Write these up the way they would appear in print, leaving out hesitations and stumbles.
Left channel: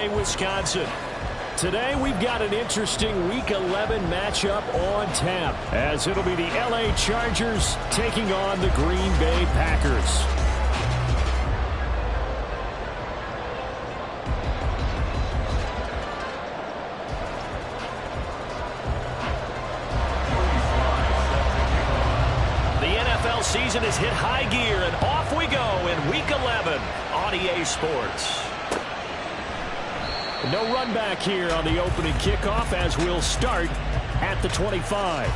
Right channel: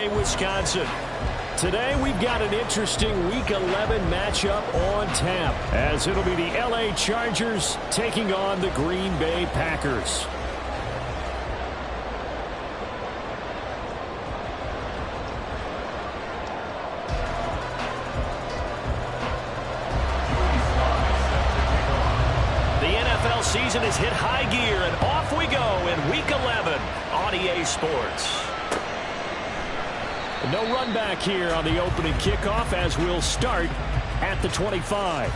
play Wisconsin. Today we've got an interesting Week 11 matchup on tap, as it'll be the LA Chargers taking on the Green Bay Packers. The NFL season has hit high gear, and off we go in Week 11 on EA Sports. No run back here on the opening kickoff, as we'll start at the 25.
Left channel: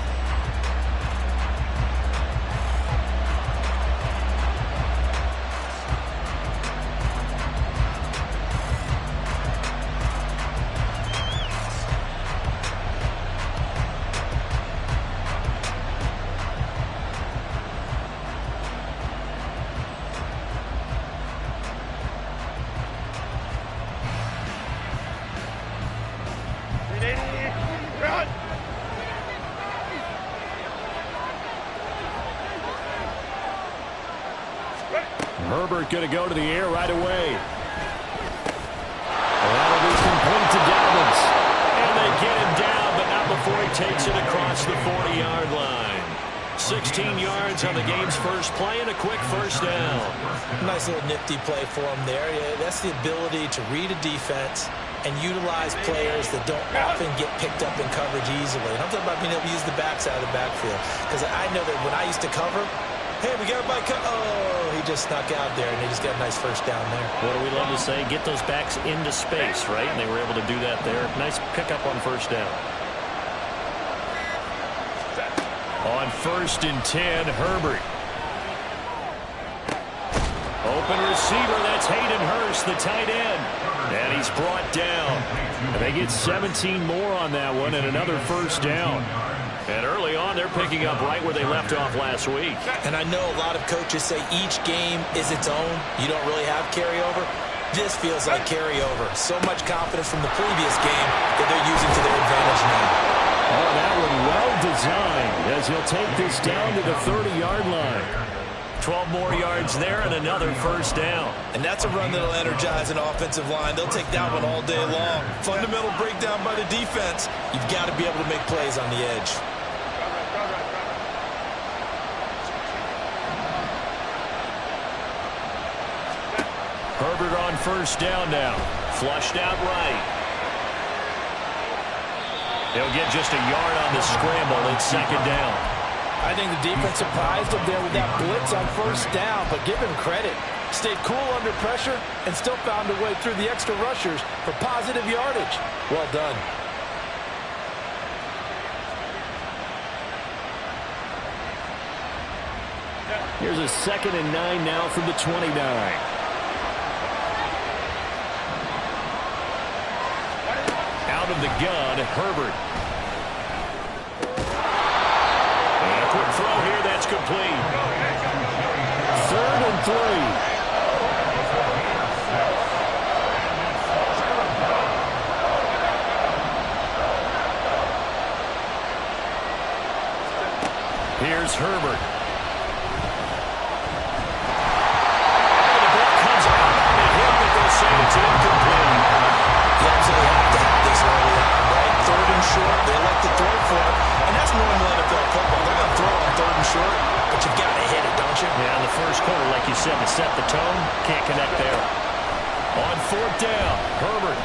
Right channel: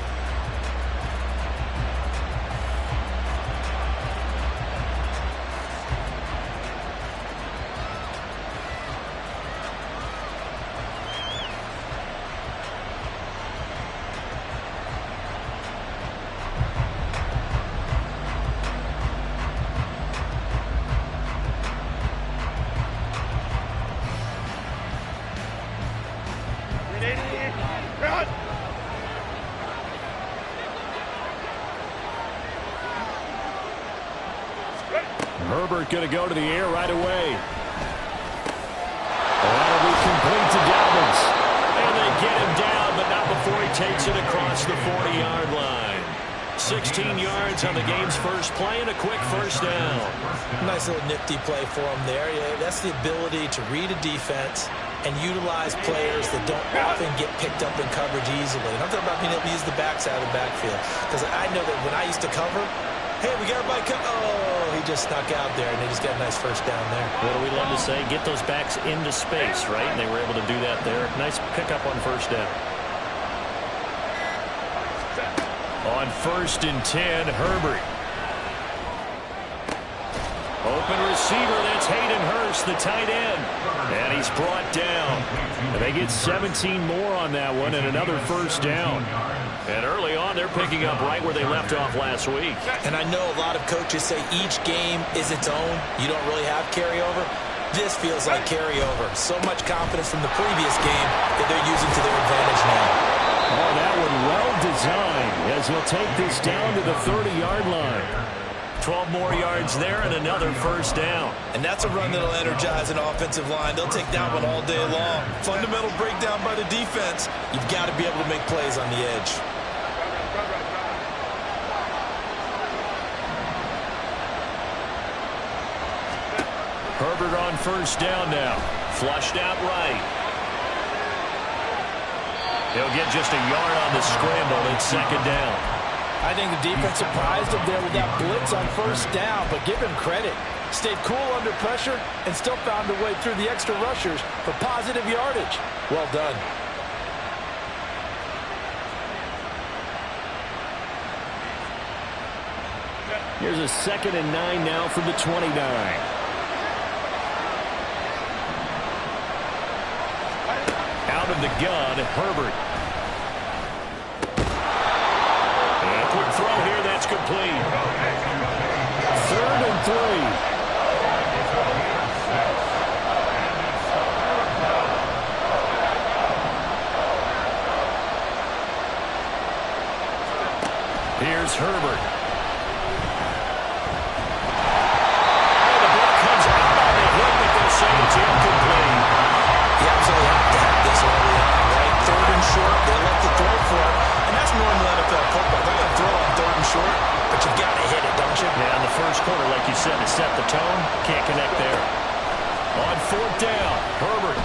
Herbert going to go to the air right away. That'll be complete to Dobbins. And they get him down, but not before he takes it across the 40-yard line. 16 yards on the game's first play and a quick first down. Nice little nifty play for him there. Yeah, that's the ability to read a defense and utilize players that don't often get picked up in coverage easily. And I'm talking about being able to use the backs out of the backfield. Because I know that when I used to cover, hey, we got everybody cut. Oh, he just snuck out there, and they just got a nice first down there. What do we love to say? Get those backs into space, right? And they were able to do that there. Nice pickup on first down. On 1st and 10, Herbert. Open receiver, that's Hayden Hurst, the tight end. And he's brought down. And they get 17 more on that one and another first down. And early on, they're picking up right where they left off last week. And I know a lot of coaches say each game is its own. You don't really have carryover. This feels like carryover. So much confidence from the previous game that they're using to their advantage now. Oh, that one well designed, as he'll take this down to the 30-yard line. 12 more yards there and another first down. And that's a run that'll energize an offensive line. They'll take that one all day long. Fundamental breakdown by the defense. You've got to be able to make plays on the edge. Herbert on first down now. Flushed out right. He'll get just a yard on the scramble. It's 2nd down. I think the defense surprised him there with that blitz on first down, but give him credit. Stayed cool under pressure and still found a way through the extra rushers for positive yardage. Well done. Here's a 2nd and 9 now from the 29. Out of the gun, Herbert. And a quick throw here, that's complete. 3rd and 3. Here's Herbert. Oh, the ball comes out on the hit, but they'll say it's incomplete. You absolutely have to have this early on, right? 3rd and short, they elect to throw for it, and that's normal NFL football. They're going to throw on 3rd and short, but you've got to hit it, don't you? Yeah, in the first quarter, like you said, to set the tone, can't connect there. On 4th down, Herbert.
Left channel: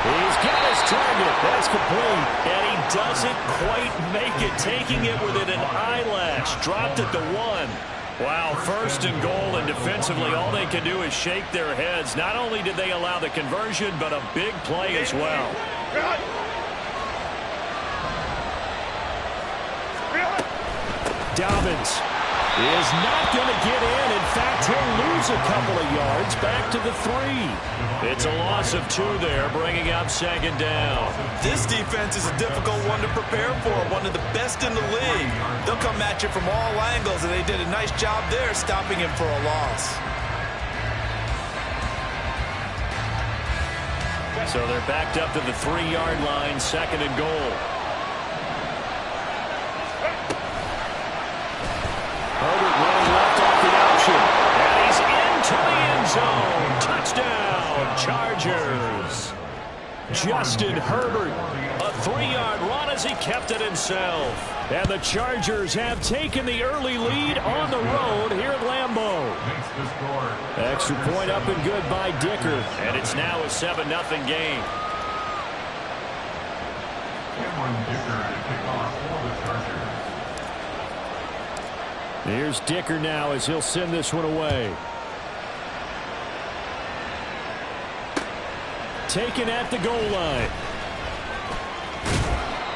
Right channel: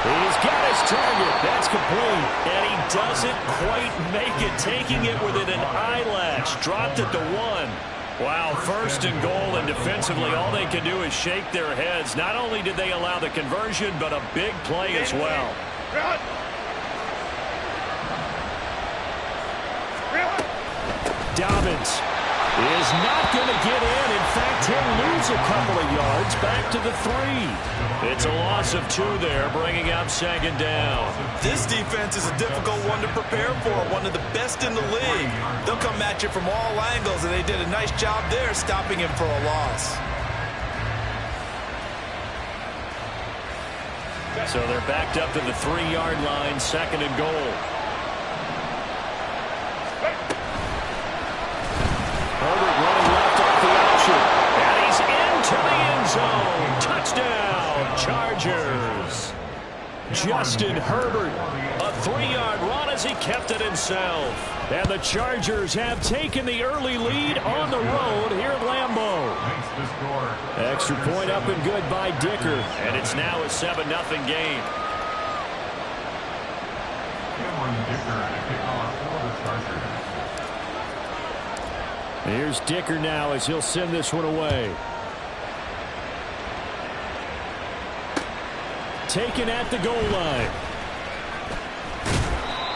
He's got his target. That's complete. And he doesn't quite make it, taking it within an eyelash. Dropped at the 1. Wow, 1st and goal, and defensively all they can do is shake their heads. Not only did they allow the conversion, but a big play as well. Dobbins is not going to get in. In fact, he'll lose a couple of yards back to the 3. It's a loss of 2 there, bringing up 2nd down. This defense is a difficult one to prepare for, one of the best in the league. They'll come at you from all angles, and they did a nice job there stopping him for a loss. So they're backed up to the 3-yard line, 2nd and goal. Herbert running left off the option. And he's into the end zone. Touchdown. Chargers. Justin Herbert, a 3-yard run as he kept it himself. And the Chargers have taken the early lead on the road here at Lambeau. Extra point up and good by Dicker. And it's now a 7-0 game. Here's Dicker now as he'll send this one away. Taken at the goal line.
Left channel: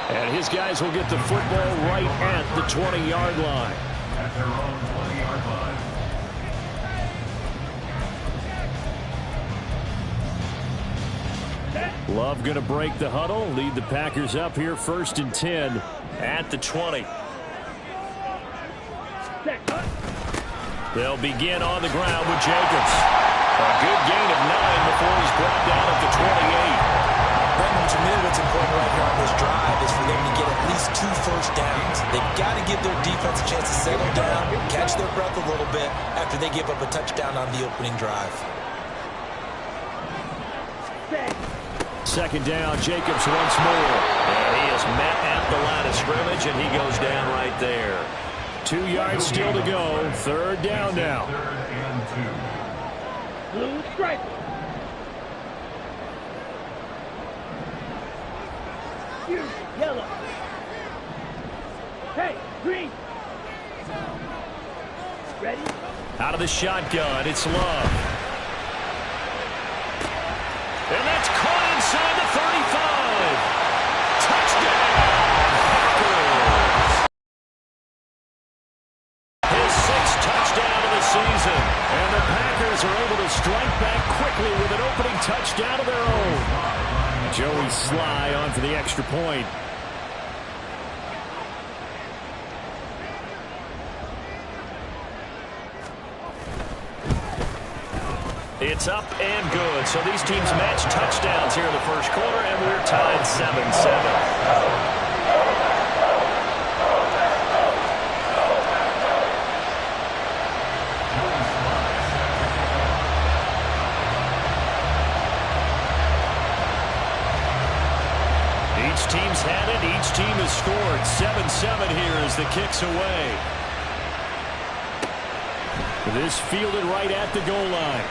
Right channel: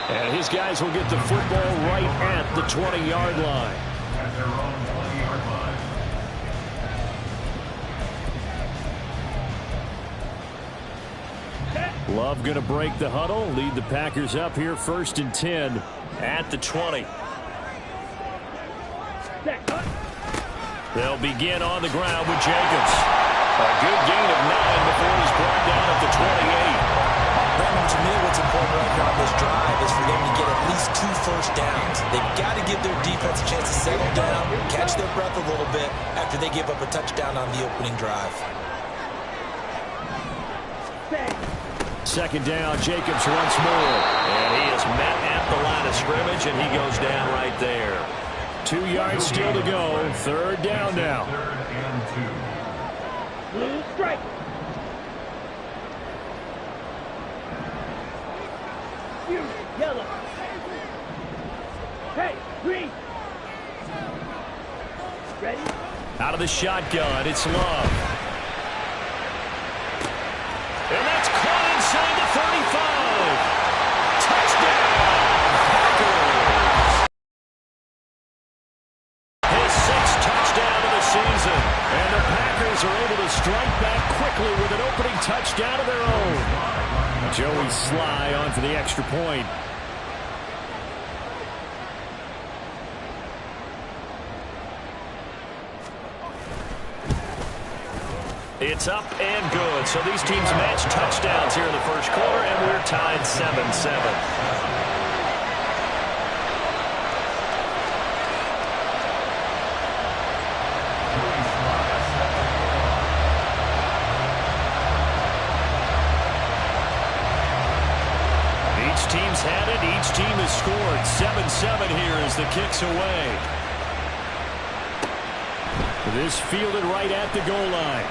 And his guys will get the football right at the 20-yard line. At their own 20-yard line. Love going to break the huddle, lead the Packers up here 1st and 10 at the 20. They'll begin on the ground with Jacobs. A good gain of 9 before he's brought down at the 28. Brandon, to me, what's important right here on this drive is for them to get at least 2 first downs. They've got to give their defense a chance to settle down, catch their breath a little bit after they give up a touchdown on the opening drive. 2nd down, Jacobs once more. And he is met at the line of scrimmage, and he goes down right there. 2 yards still to go. 3rd down now. 3rd and 2. Blue stripe. Yellow. Hey, green. Ready? Out of the shotgun, it's Love. And that's caught inside the 35. Touchdown, Packers. His 6th touchdown of the season. And the Packers are able to strike back quickly with an opening touchdown of their own. Joey Sly on for the extra point. It's up and good. So these teams match touchdowns here in the first quarter, and we're tied 7-7. Each team's had it. Each team has scored. 7-7 here as the kick's away. This fielded right at the goal line.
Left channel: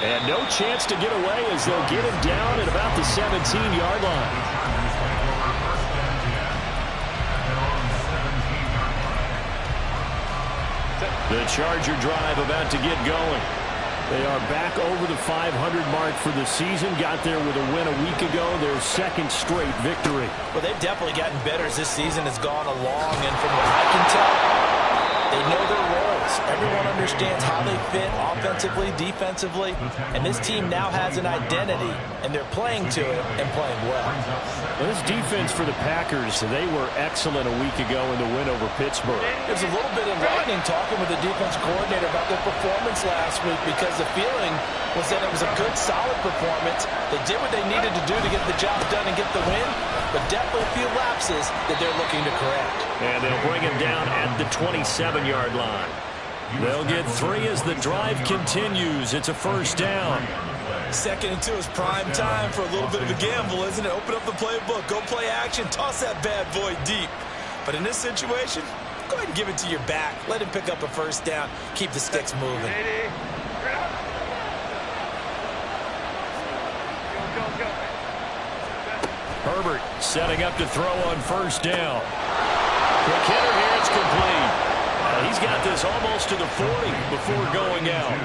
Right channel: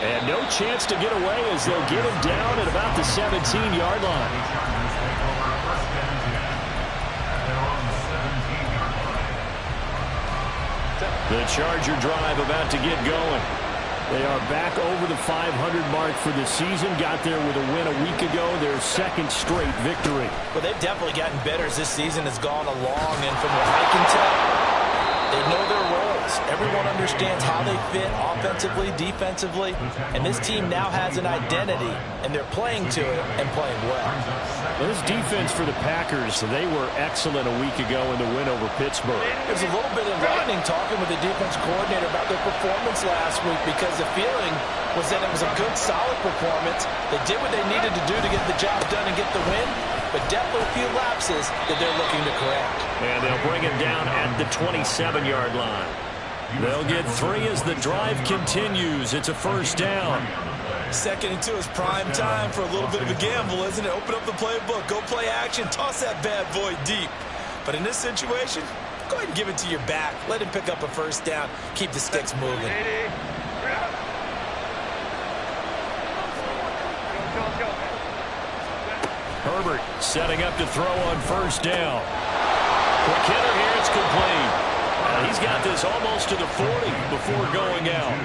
And no chance to get away as they'll get him down at about the 17-yard line. The Charger drive about to get going. They are back over the 500 mark for the season. Got there with a win a week ago. Their 2nd straight victory. Well, they've definitely gotten better as this season has gone along. And from what I can tell, they know their roles. Everyone understands how they fit offensively, defensively. And this team now has an identity. And they're playing to it and playing well. Well, this defense for the Packers, they were excellent a week ago in the win over Pittsburgh. There's a little bit enlightening talking with the defense coordinator about their performance last week because the feeling was that it was a good, solid performance. They did what they needed to do to get the job done and get the win, but definitely a few lapses that they're looking to correct. And they'll bring him down at the 27-yard line. They'll get 3 as the drive continues. It's a 1st down. 2nd and 2 is prime time for a little bit of a gamble, isn't it? Open up the playbook, go play action, toss that bad boy deep. But in this situation, go ahead and give it to your back. Let him pick up a 1st down. Keep the sticks moving. Herbert setting up to throw on 1st down. Quick hitter here, it's complete. He's got this almost to the 40 before going out.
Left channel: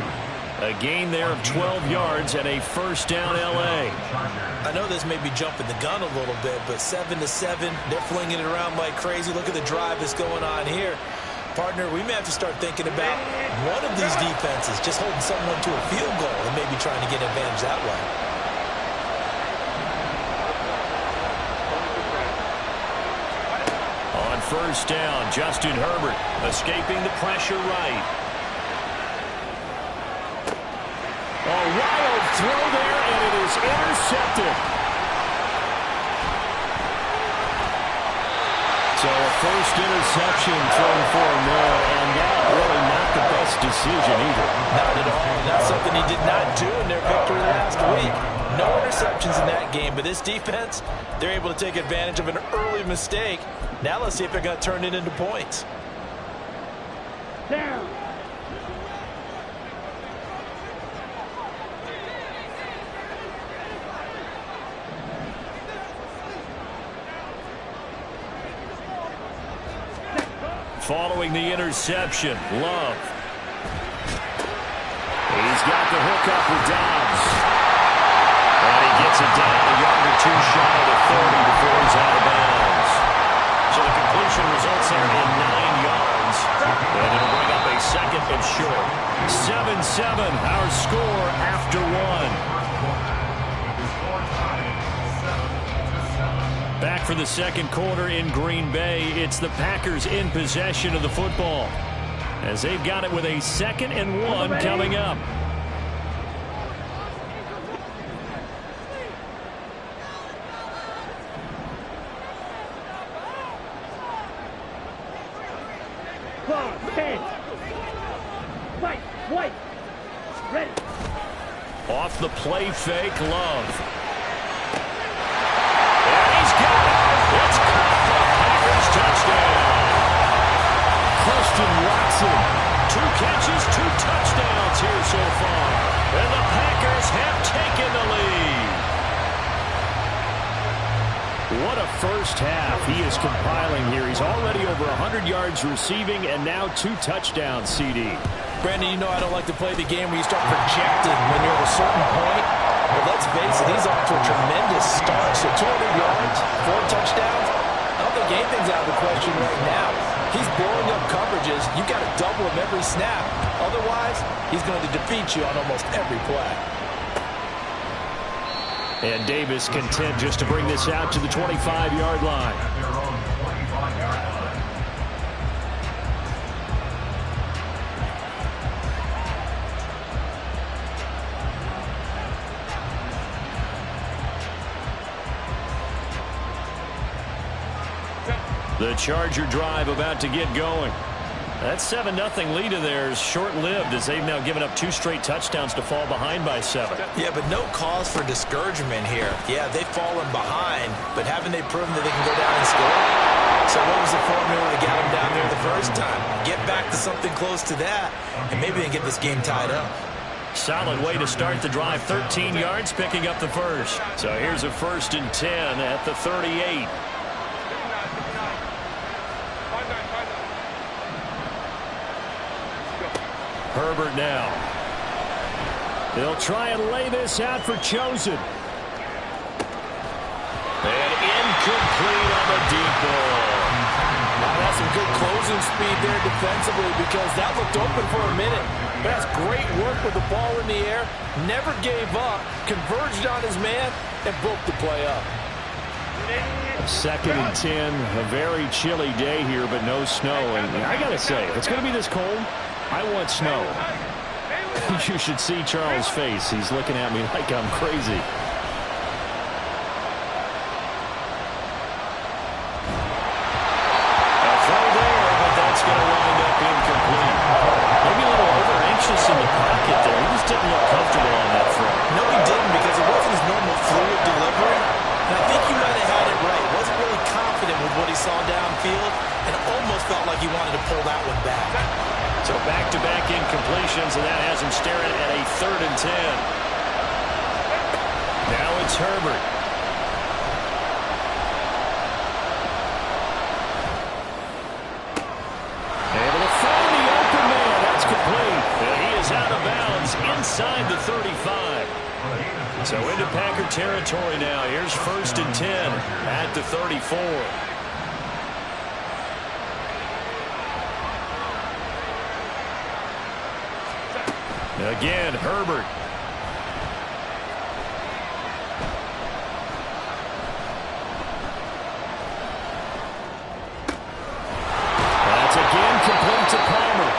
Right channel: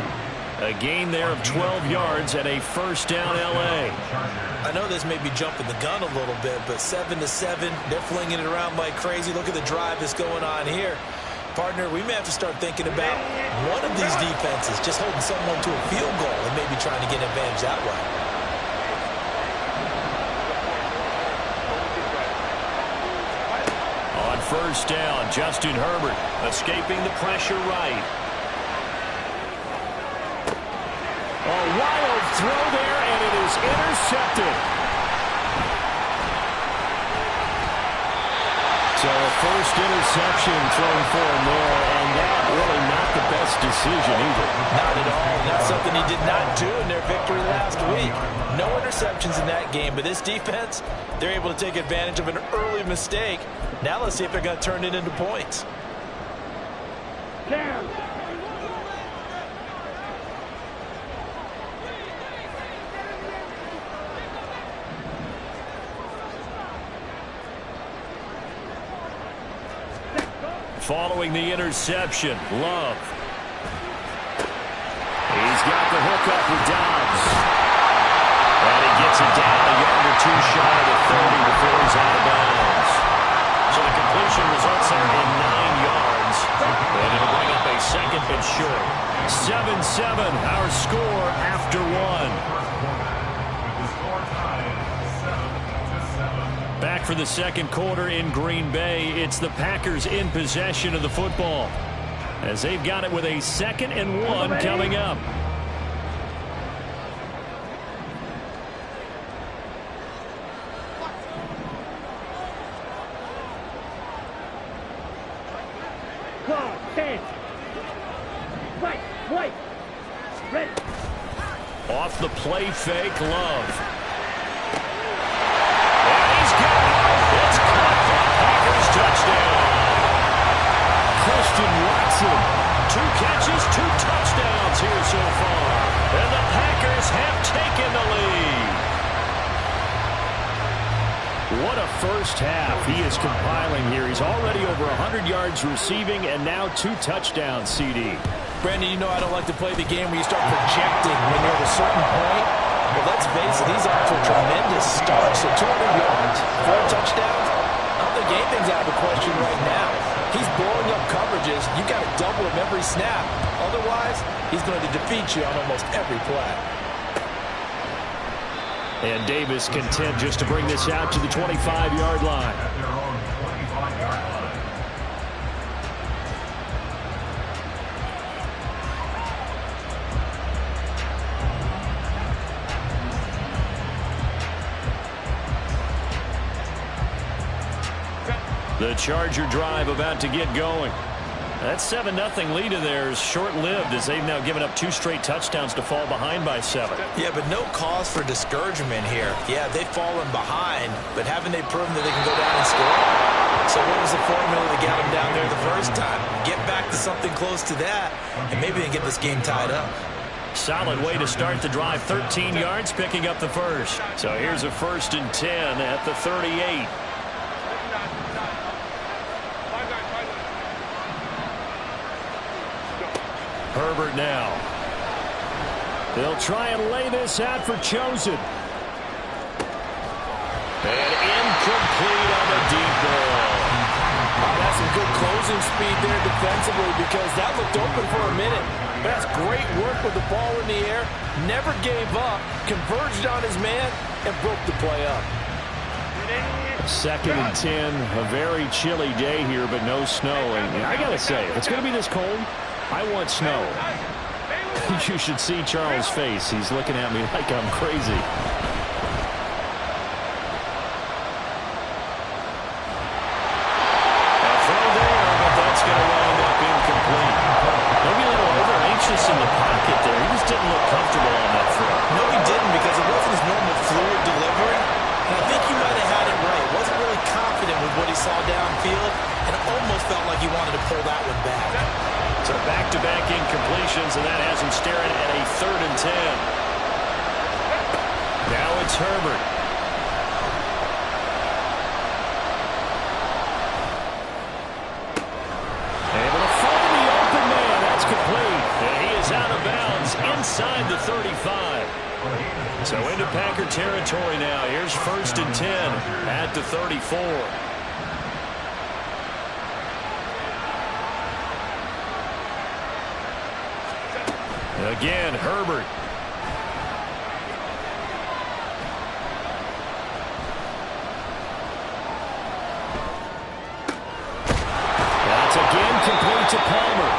A gain there of 12 yards and a 1st down L.A. I know this may be jumping the gun a little bit, but 7-7, they're flinging it around like crazy. Look at the drive that's going on here. Partner, we may have to start thinking about one of these defenses just holding someone to a field goal and maybe trying to get advantage that way. On 1st down, Justin Herbert escaping the pressure right. A wild throw there, and it is intercepted. So a 1st interception thrown for him there, and that really not the best decision either. Not at all. That's something he did not do in their victory last interceptions in that game, but this defense, they're able to take advantage of an early mistake. Now let's see if they're going to turn it into points. Down. Following the interception, Love. He's got the hook up with Dobbs. And he gets it down a yard or two shy of the 30 before he's out of bounds. So the completion results there in 9 yards. And it'll bring up a second and short. 7-7, our score after 1. Back for the second quarter in Green Bay. It's the Packers in possession of the football, as they've got it with a 2nd and 1 coming up. White. Ready. Off the play fake, Love. And he's got it. It's caught for a Packers touchdown. Christian Watson, 2 catches, 2 touchdowns here so far. And the Packers have taken the lead. What a first half he is compiling here. He's already over 100 yards receiving and now 2 touchdowns, CD. Brandon, you know I don't like to play the game where you start projecting when you're at a certain point. But let's face it, he's off to a tremendous start. So 200 yards, 4 touchdowns. I don't think anything's out of the question right now. He's blowing up coverages. You've got to double him every snap. Otherwise, he's going to defeat you on almost every play. And Davis content just to bring this out to the 25-yard line. The Charger drive about to get going. That 7-0 lead of theirs short-lived, as they've now given up 2 straight touchdowns to fall behind by 7. Yeah, but no cause for discouragement here. Yeah, they've fallen behind, but haven't they proven that they can go down and score? So what was the formula that got them down there the first time? Get back to something close to that, and maybe they can get this game tied up. Solid way to start the drive. 13 yards, picking up the first. So here's a 1st and 10 at the 38. Herbert now. They'll try and lay this out for Chosen. And incomplete on the deep ball. Oh, that's some good closing speed there defensively, because that looked open for a minute. But that's great work with the ball in the air. Never gave up. Converged on his man and broke the play up. 2nd and 10. A very chilly day here, but no snow. And I got to say, if it's going to be this cold, I want snow. You should see Charles' face. He's looking at me like I'm crazy. A throw there, but that's going to wind up incomplete. Maybe a little over-anxious in the pocket there. He just didn't look comfortable on that throw. No, he didn't, because it wasn't his normal fluid delivery. And I think you might have had it right. Wasn't really confident with what he saw downfield, and almost felt like he wanted to pull that one back. So back-to-back incompletions, and that has him staring at a 3rd and 10. Now it's Herbert. Able to find the open man. That's complete. And he is out of bounds inside the 35. So into Packer territory now. Here's 1st and 10 at the 34. Again, Herbert. That's again complete to Palmer.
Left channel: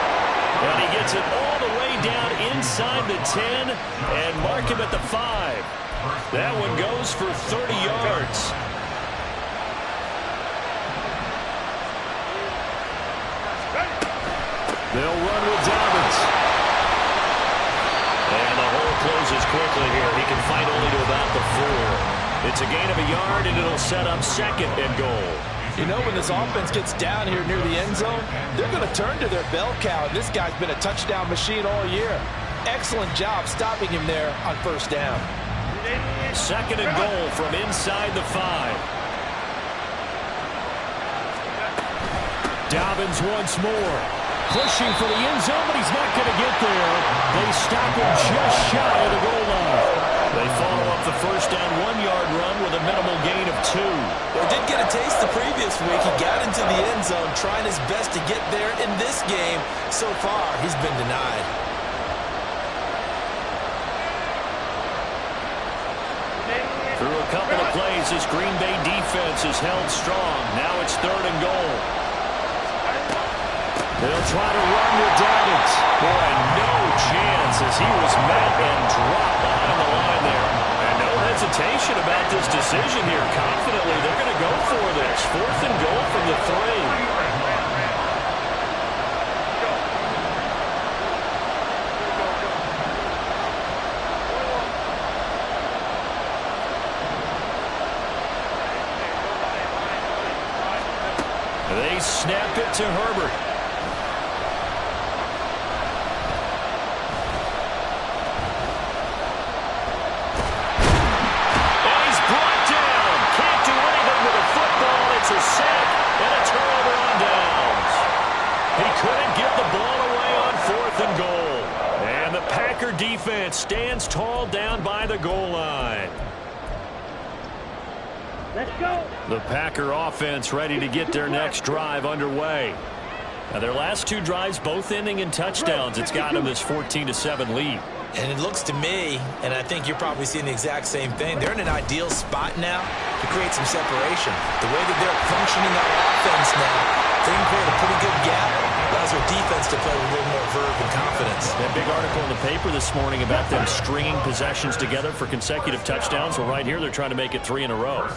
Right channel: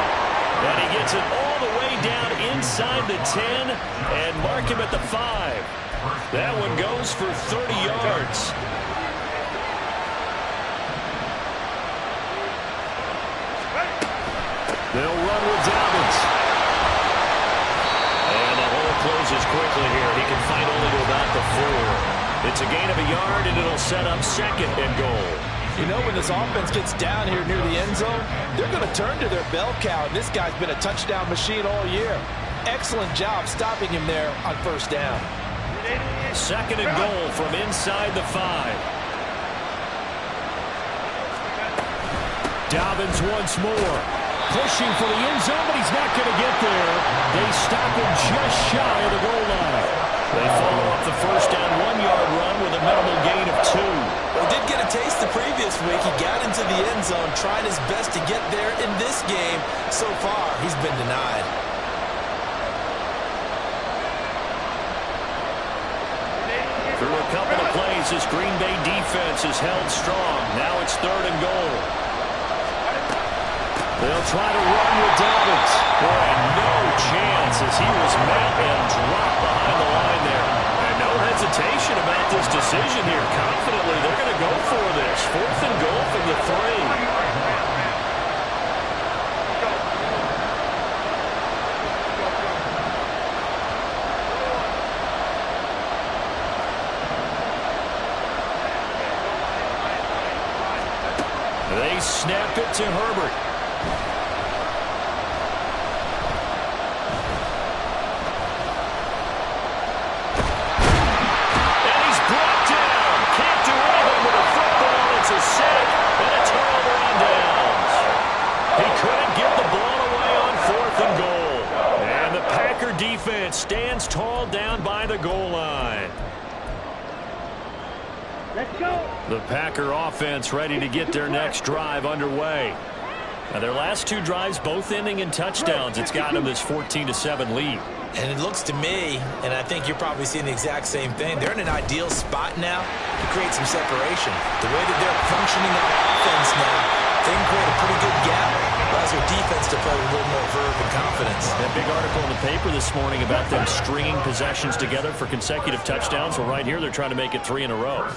And he gets it all the way down inside the 10 and mark him at the 5. That one goes for 30 yards. They'll run with Dobbins. And the hole closes closes quickly here. He can fight only to about the 4. It's a gain of a yard, and it'll set up 2nd and goal. You know, when this offense gets down here near the end zone, they're going to turn to their bell cow, and this guy's been a touchdown machine all year. Excellent job stopping him there on 1st down. 2nd and goal from inside the 5. Dobbins once more. Pushing for the end zone, but he's not going to get there. They stop him just shy of the goal line. They follow up the 1st down 1-yard run with a minimal gain of 2. Well, he did get a taste the previous week. He got into the end zone, trying his best to get there in this game. So far, he's been denied. Through a couple of plays, this Green Bay defense is held strong. Now it's 3rd and goal. They'll try to run with Dobbins. Boy, no chance as he was met and dropped behind the line there. And no hesitation about this decision here. Confidently, they're going to go for this. 4th and goal from the 3. They snap it to Herbert. And he's brought down. Can't do anything with a football. It's a sack and a turnover on downs. He couldn't get the ball away on 4th and goal. And the Packer defense stands tall down by the goal line. Let's go. The Packer offense ready to get their next drive underway. Now, their last 2 drives both ending in touchdowns. It's got them this 14-7 lead. And it looks to me, and I think you're probably seeing the exact same thing, they're in an ideal spot now to create some separation. The way that they're functioning on offense now, they can create a pretty good gap. Allows their defense to play with a little more verve and confidence. That big article in the paper this morning about them stringing possessions together for consecutive touchdowns. Well, right here, they're trying to make it 3 in a row.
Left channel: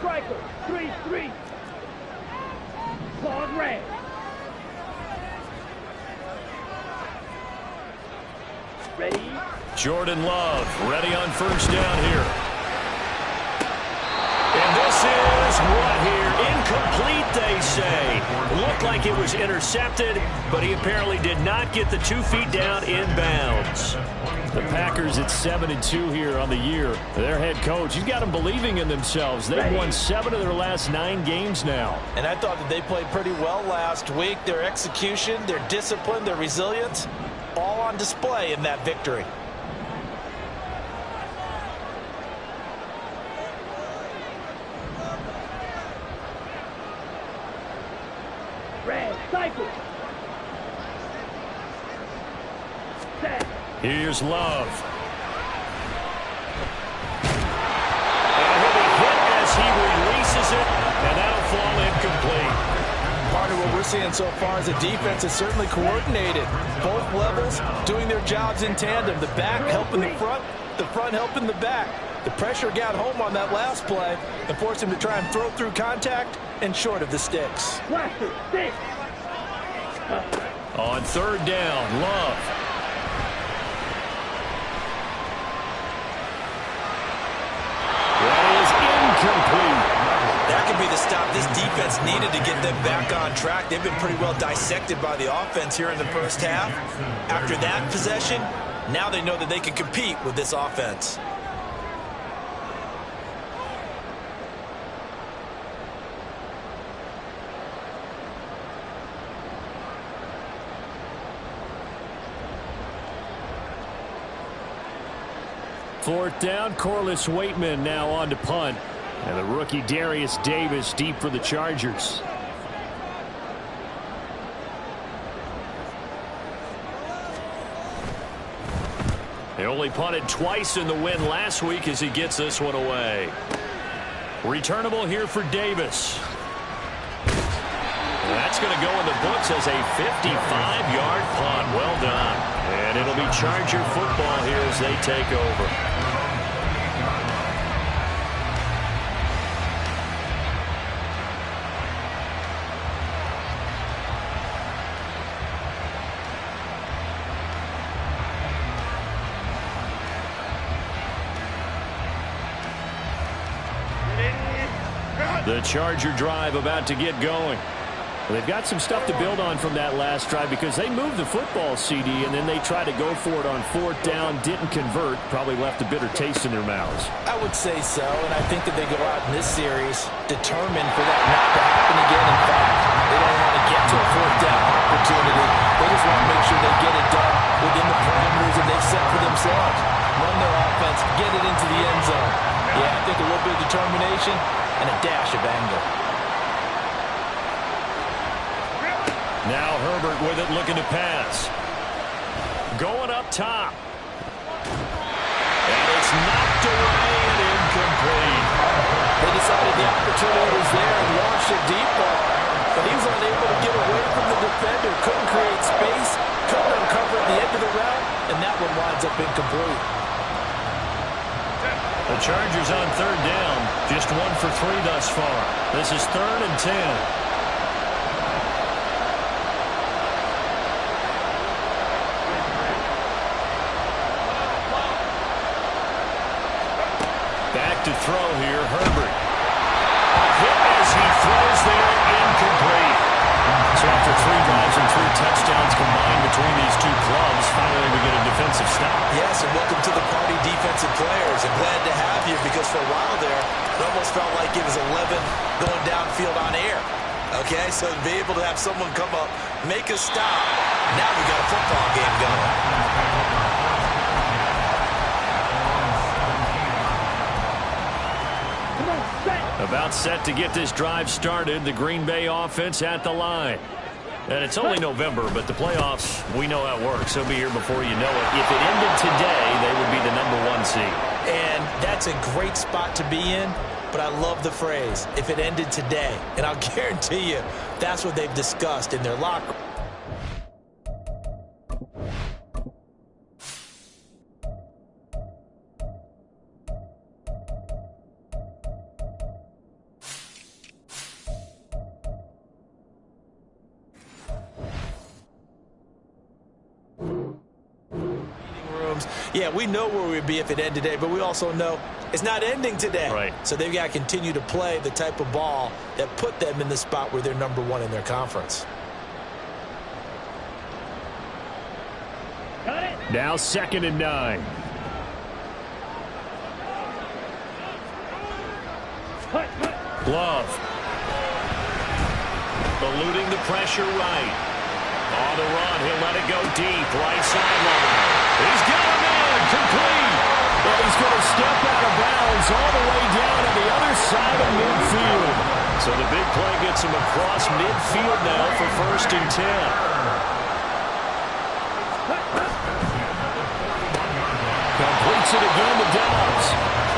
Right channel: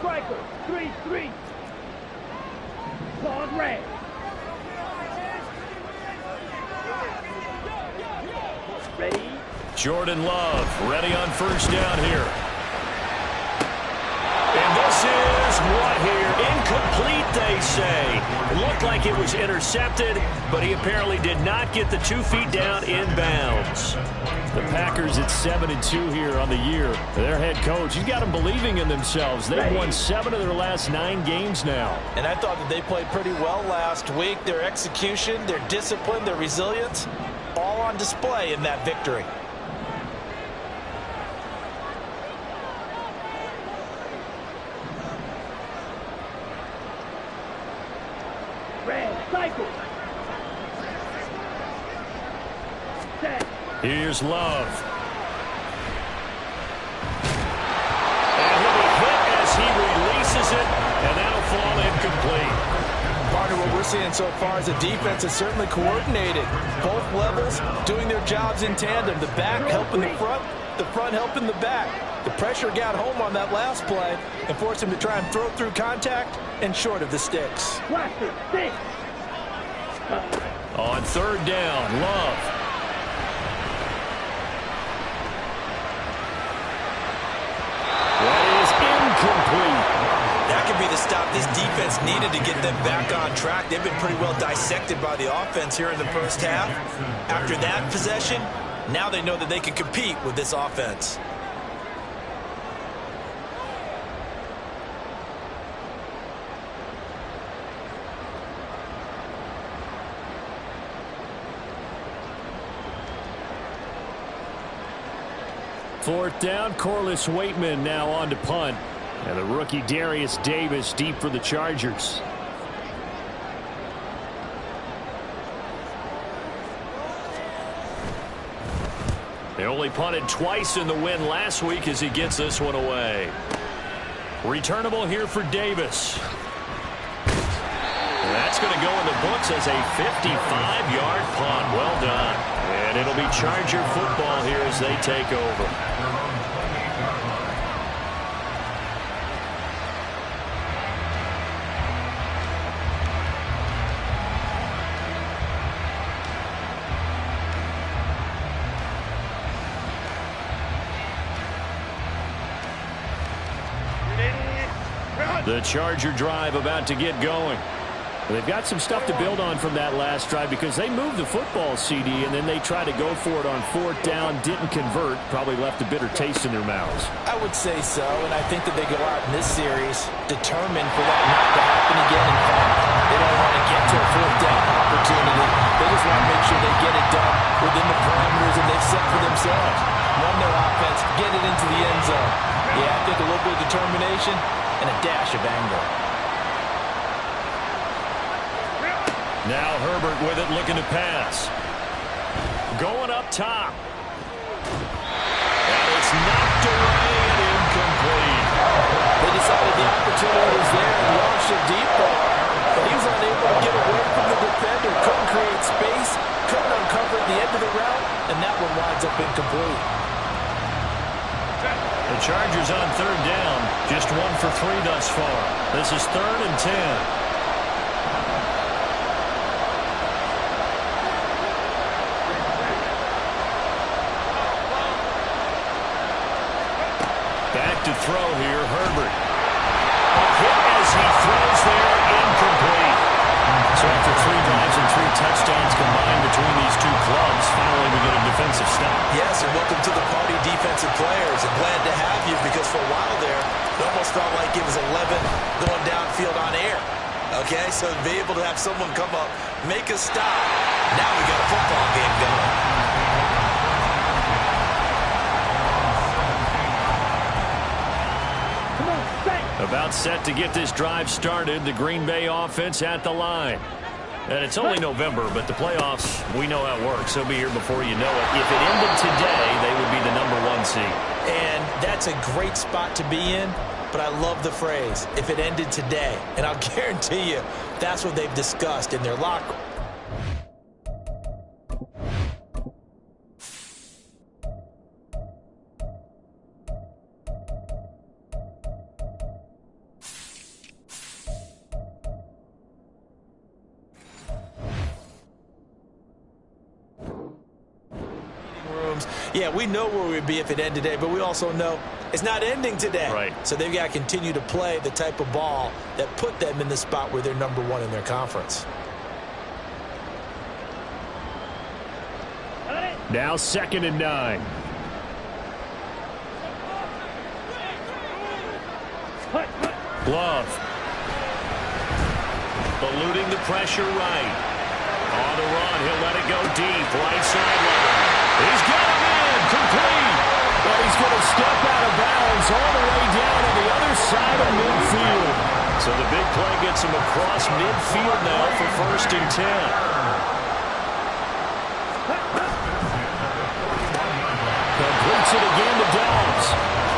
Striker, 3-3. Claude red. Ready? Jordan Love ready on 1st down here. And this is what here? Incomplete, they say. Looked like it was intercepted, but he apparently did not get the 2 feet down in bounds. The Packers at 7-2 here on the year. Their head coach, he's got them believing in themselves. They've won 7 of their last 9 games now. And I thought that they played pretty well last week. Their execution, their discipline, their resilience, all on display in that victory. Red, cycle. Set. Here's Love. And he'll be hit as he releases it, and that'll fall incomplete. Part of what we're seeing so far is the defense is certainly coordinated. Both levels doing their jobs in tandem. The back helping the front helping the back. The pressure got home on that last play and forced him to try and throw through contact and short of the sticks. Blaster, stick. On 3rd down, Love. That is incomplete. That could be the stop this defense needed to get them back on track. They've been pretty well dissected by the offense here in the 1st half. After that possession, now they know that they can compete with this offense. Fourth down, Corliss Waitman now on to punt. And the rookie Darius Davis deep for the Chargers. They only punted twice in the win last week as he gets this one away. Returnable here for Davis. And that's going to go in the books as a 55-yard punt. Well done. And it'll be Charger football here as they take over. The Charger drive about to get going. Well, they've got some stuff to build on from that last drive because they moved the football, CD, and then they tried to go for it on 4th down, didn't convert, probably left a bitter taste in their mouths. I would say so, and I think that they go out in this series determined for that not to happen again. In fact, they don't want to get to a 4th down opportunity. They just want to make sure they get it done within the parameters that they've set for themselves. Run their offense, get it into the end zone. Yeah, I think a little bit of determination and a dash of anger. Now Herbert with it, looking to pass. Going up top. And it's knocked away and incomplete. They decided the opportunity was there and launched a deep ball, but he was unable to get away from the defender, couldn't create space, couldn't uncover at the end of the route, and that one winds up incomplete. The Chargers on 3rd down, just 1 for 3 thus far. This is 3rd and 10. Back to throw here, Herbert. A hit as he throws there, incomplete. So after 3 drives and 3 touchdowns combined between these two clubs, finally we get a defensive stop. Yes, and welcome to the party, defensive players. And glad to have you because for a while there, it almost felt like it was 11 going downfield on air. Okay, so to be able to have someone come up, make a stop, now we got a football game going. About set to get this drive started, the Green Bay offense at the line. And it's only November, but the playoffs, we know how it works. They'll be here before you know it. If it ended today, they would be the #1 seed. And that's a great spot to be in, but I love the phrase, if it ended today. And I'll guarantee you, that's what they've discussed in their locker room. Yeah, we know where we'd be if it ended today, but we also know it's not ending today. Right. So they've got to continue to play the type of ball that put them in the spot where they're #1 in their conference. Got it. Now 2nd and 9. Hut, hut. Love. Eluding the pressure right. On the run, he'll let it go deep. Right sideline. He's got him in. Complete. But he's going to step out of bounds all the way down on the other side of midfield. So the big play gets him across midfield now for 1st and 10. Completes it again to Dobbs.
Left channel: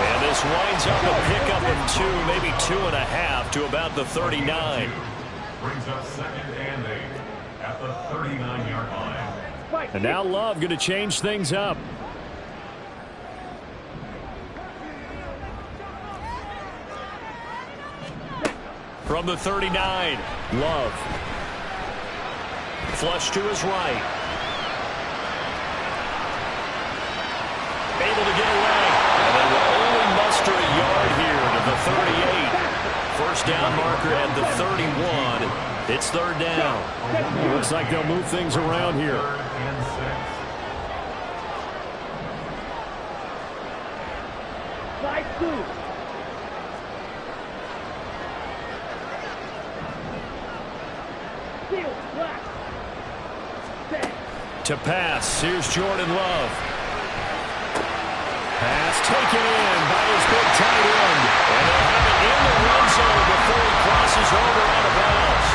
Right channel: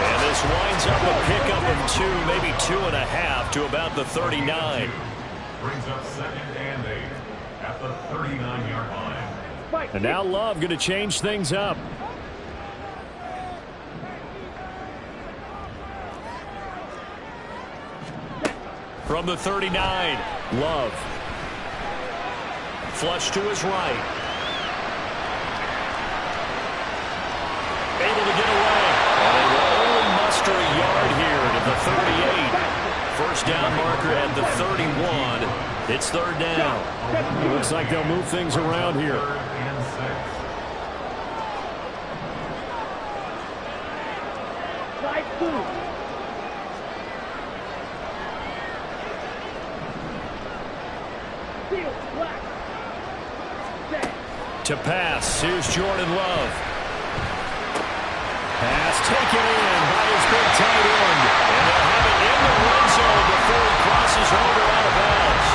And this winds up a pickup of 2, maybe 2.5 to about the 39. Brings up 2nd and 8 at the 39-yard line. And now Love going to change things up. From the 39, Love. Flush to his right. Able to get away. And they will only muster a yard here to the 38. 1st down marker at the 31. It's 3rd down. Looks like they'll move things around here. 3rd and 6. Slide through. Field black. Set. To pass, here's Jordan Love. Pass taken in by his big tight end. And they'll have it in the red zone before he crosses over out of bounds.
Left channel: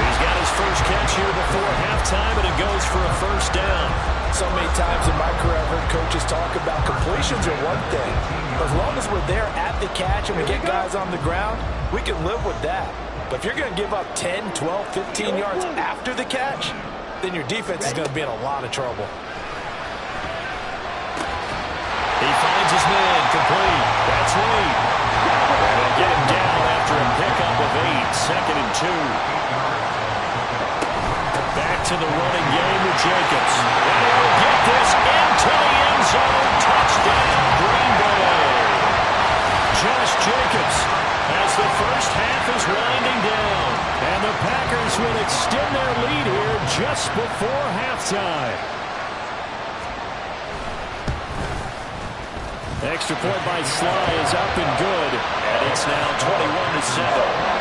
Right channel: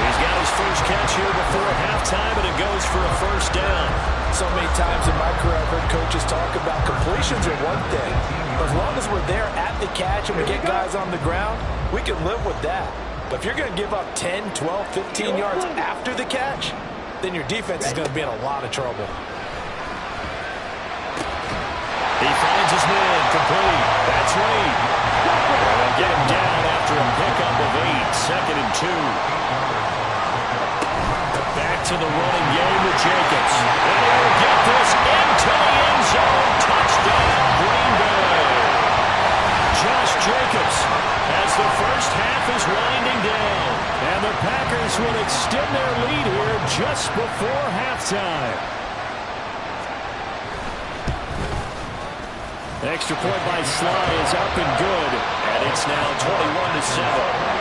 He's got his first catch here before halftime, and it goes for a 1st down. So many times in my career I've heard coaches talk about completions are one thing. But as long as we're there at the catch and we get guys on the ground, we can live with that. But if you're going to give up 10, 12, 15 yards after the catch, then your defense is going to be in a lot of trouble. He finds his man, complete. That's Reed. And they'll get him down after a pickup of 8, 2nd and 2. Back to the running game with Jacobs. And he'll get this into the end zone. Touchdown, Green Bay. Josh Jacobs has as the first half is winding down. And the Packers will extend their lead here just before halftime. Extra point by Sly is up and good. And it's now 21-7.